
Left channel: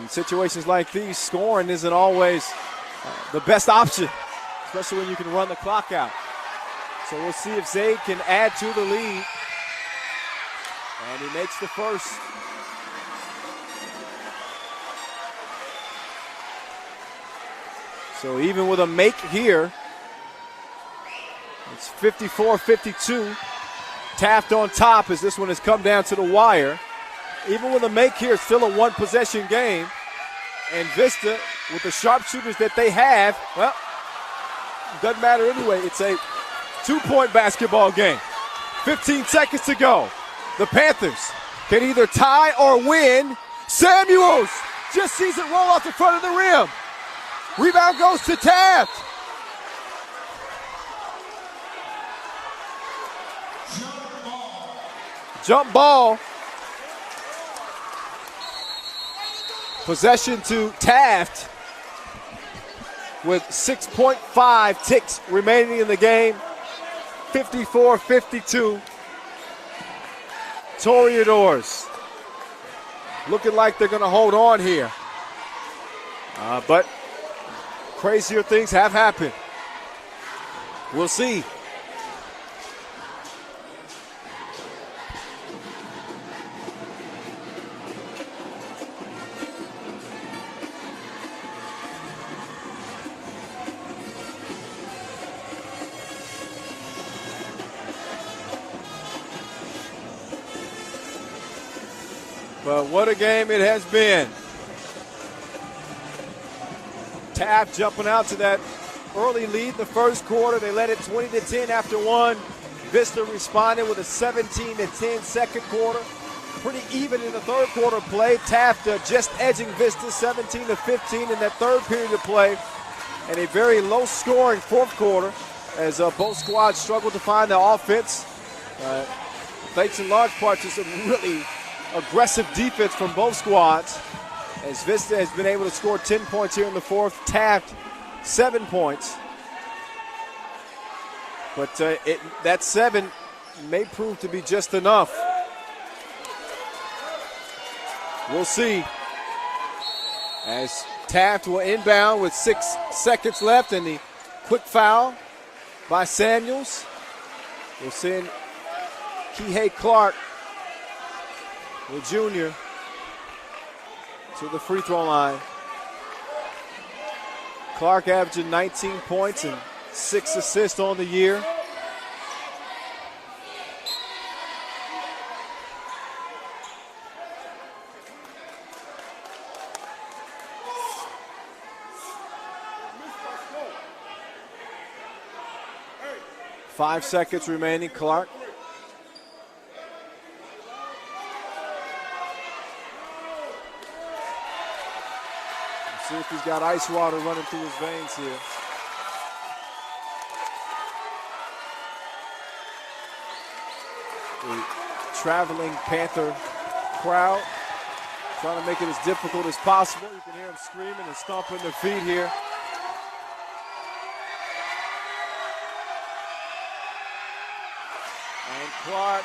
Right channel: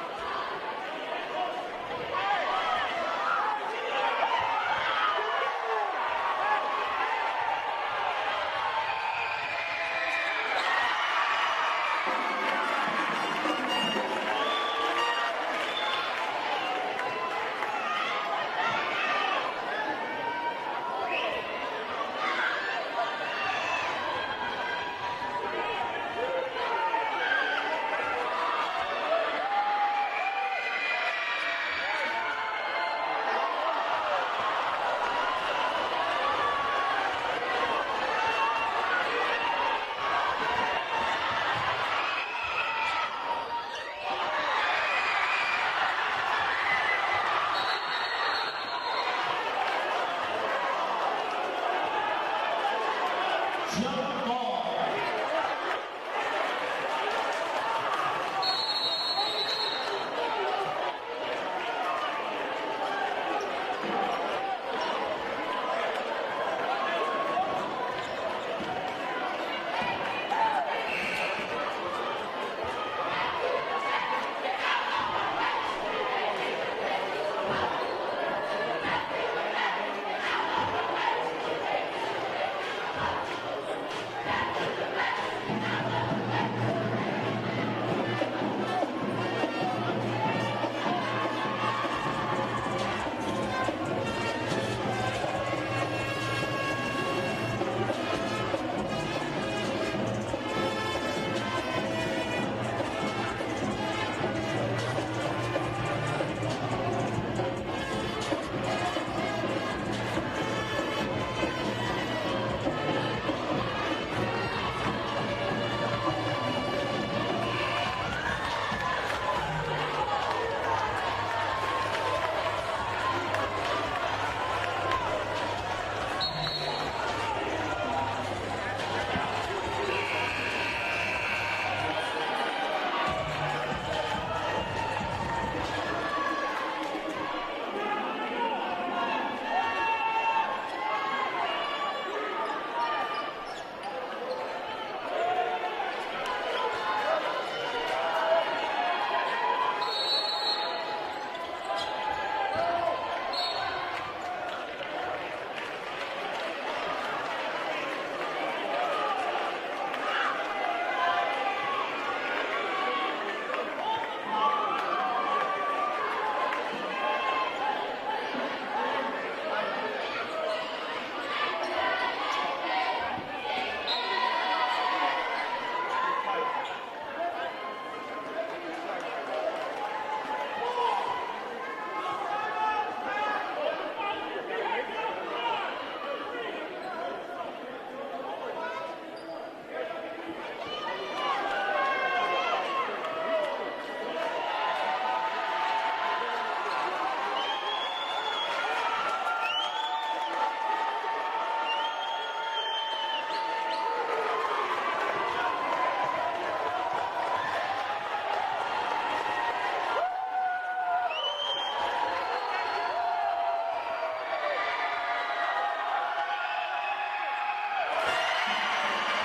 in situations like these, scoring isn't always the best option, especially when you can run the clock out. So we'll see if Zaid can add to the lead. And he makes the first. So even with a make here, it's 54-52. Taft on top as this one has come down to the wire. Even with a make here, it's still a one-possession game. And Vista, with the sharpshooters that they have, well, it doesn't matter anyway. It's a two-point basketball game. 15 seconds to go. The Panthers can either tie or win. Samuels just sees it roll off the front of the rim. Rebound goes to Taft. Jump ball. Possession to Taft with 6.5 ticks remaining in the game. 54-52. Toreadors looking like they're going to hold on here. But crazier things have happened. We'll see. But what a game it has been. Taft jumping out to that early lead in the first quarter. They led it 20-10 after one. Vista responded with a 17-10 second quarter. Pretty even in the third quarter play. Taft just edging Vista 17-15 in that third period of play. And a very low-scoring fourth quarter as both squads struggled to find the offense. Thanks in large part to some really aggressive defense from both squads. As Vista has been able to score 10 points here in the fourth, Taft 7 points. But that 7 may prove to be just enough. We'll see. As Taft will inbound with 6 seconds left, and the quick foul by Samuels. We're seeing Kihei Clark, the junior, to the free throw line. Clark averaging 19 points and 6 assists on the year. Five seconds remaining, Clark. See if he's got ice water running through his veins here. The traveling Panther crowd trying to make it as difficult as possible. You can hear them screaming and stomping their feet here. And Clark,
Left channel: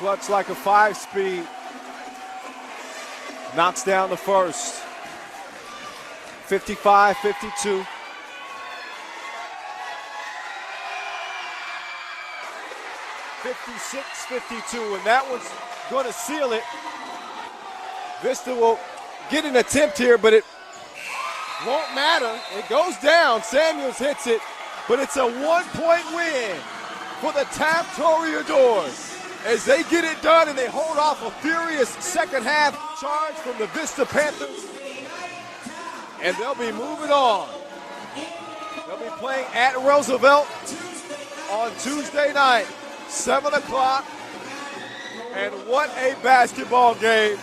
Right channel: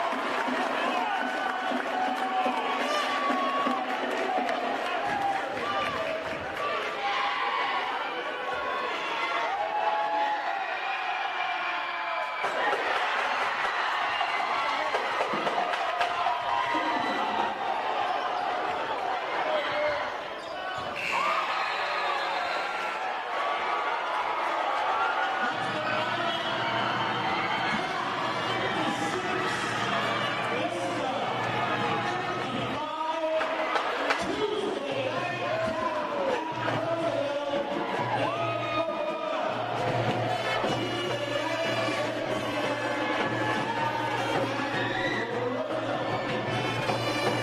clutch like a 5-speed. Knocks down the first. 55-52. 56-52, and that was going to seal it. Vista will get an attempt here, but it won't matter. It goes down. Samuels hits it, but it's a 1-point win for the Taft Toreadors as they get it done and they hold off a furious second half charge from the Vista Panthers. And they'll be moving on. They'll be playing at Roosevelt on Tuesday night, 7 o'clock. And what a basketball game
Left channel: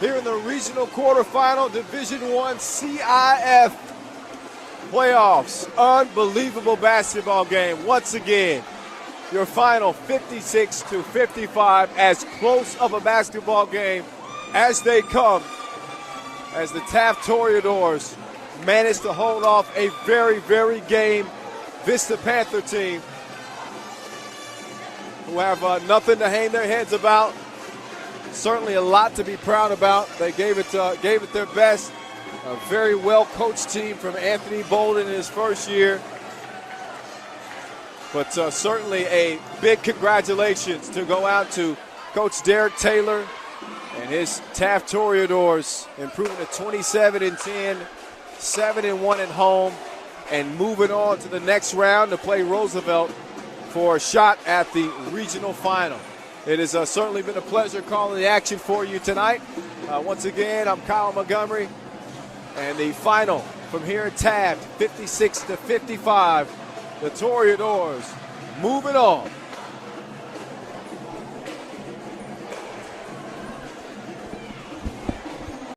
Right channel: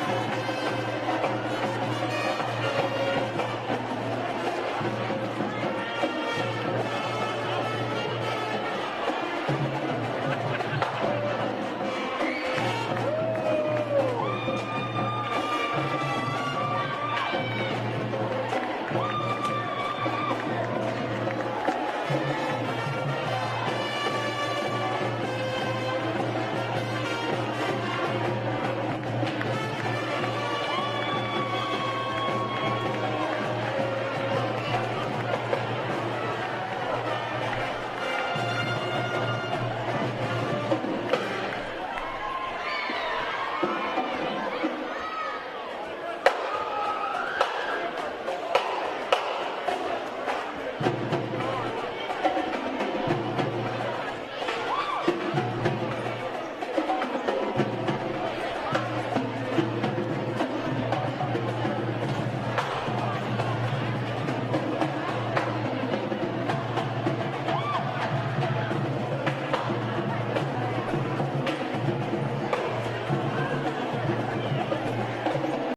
here in the regional quarterfinal Division I CIF playoffs. Unbelievable basketball game once again. Your final 56-55, as close of a basketball game as they come, as the Taft Toreadors manage to hold off a very, very game Vista Panther team who have nothing to hang their heads about. Certainly a lot to be proud about. They gave it their best. A very well-coached team from Anthony Bolden in his first year. But certainly a big congratulations to go out to Coach Derek Taylor and his Taft Toreadors, improving to 27-10, 7-1 at home, and moving on to the next round to play Roosevelt for a shot at the regional final. It has certainly been a pleasure calling the action for you tonight. Once again, I'm Kyle Montgomery, and the final from here at Taft, 56-55. The Toreadors moving on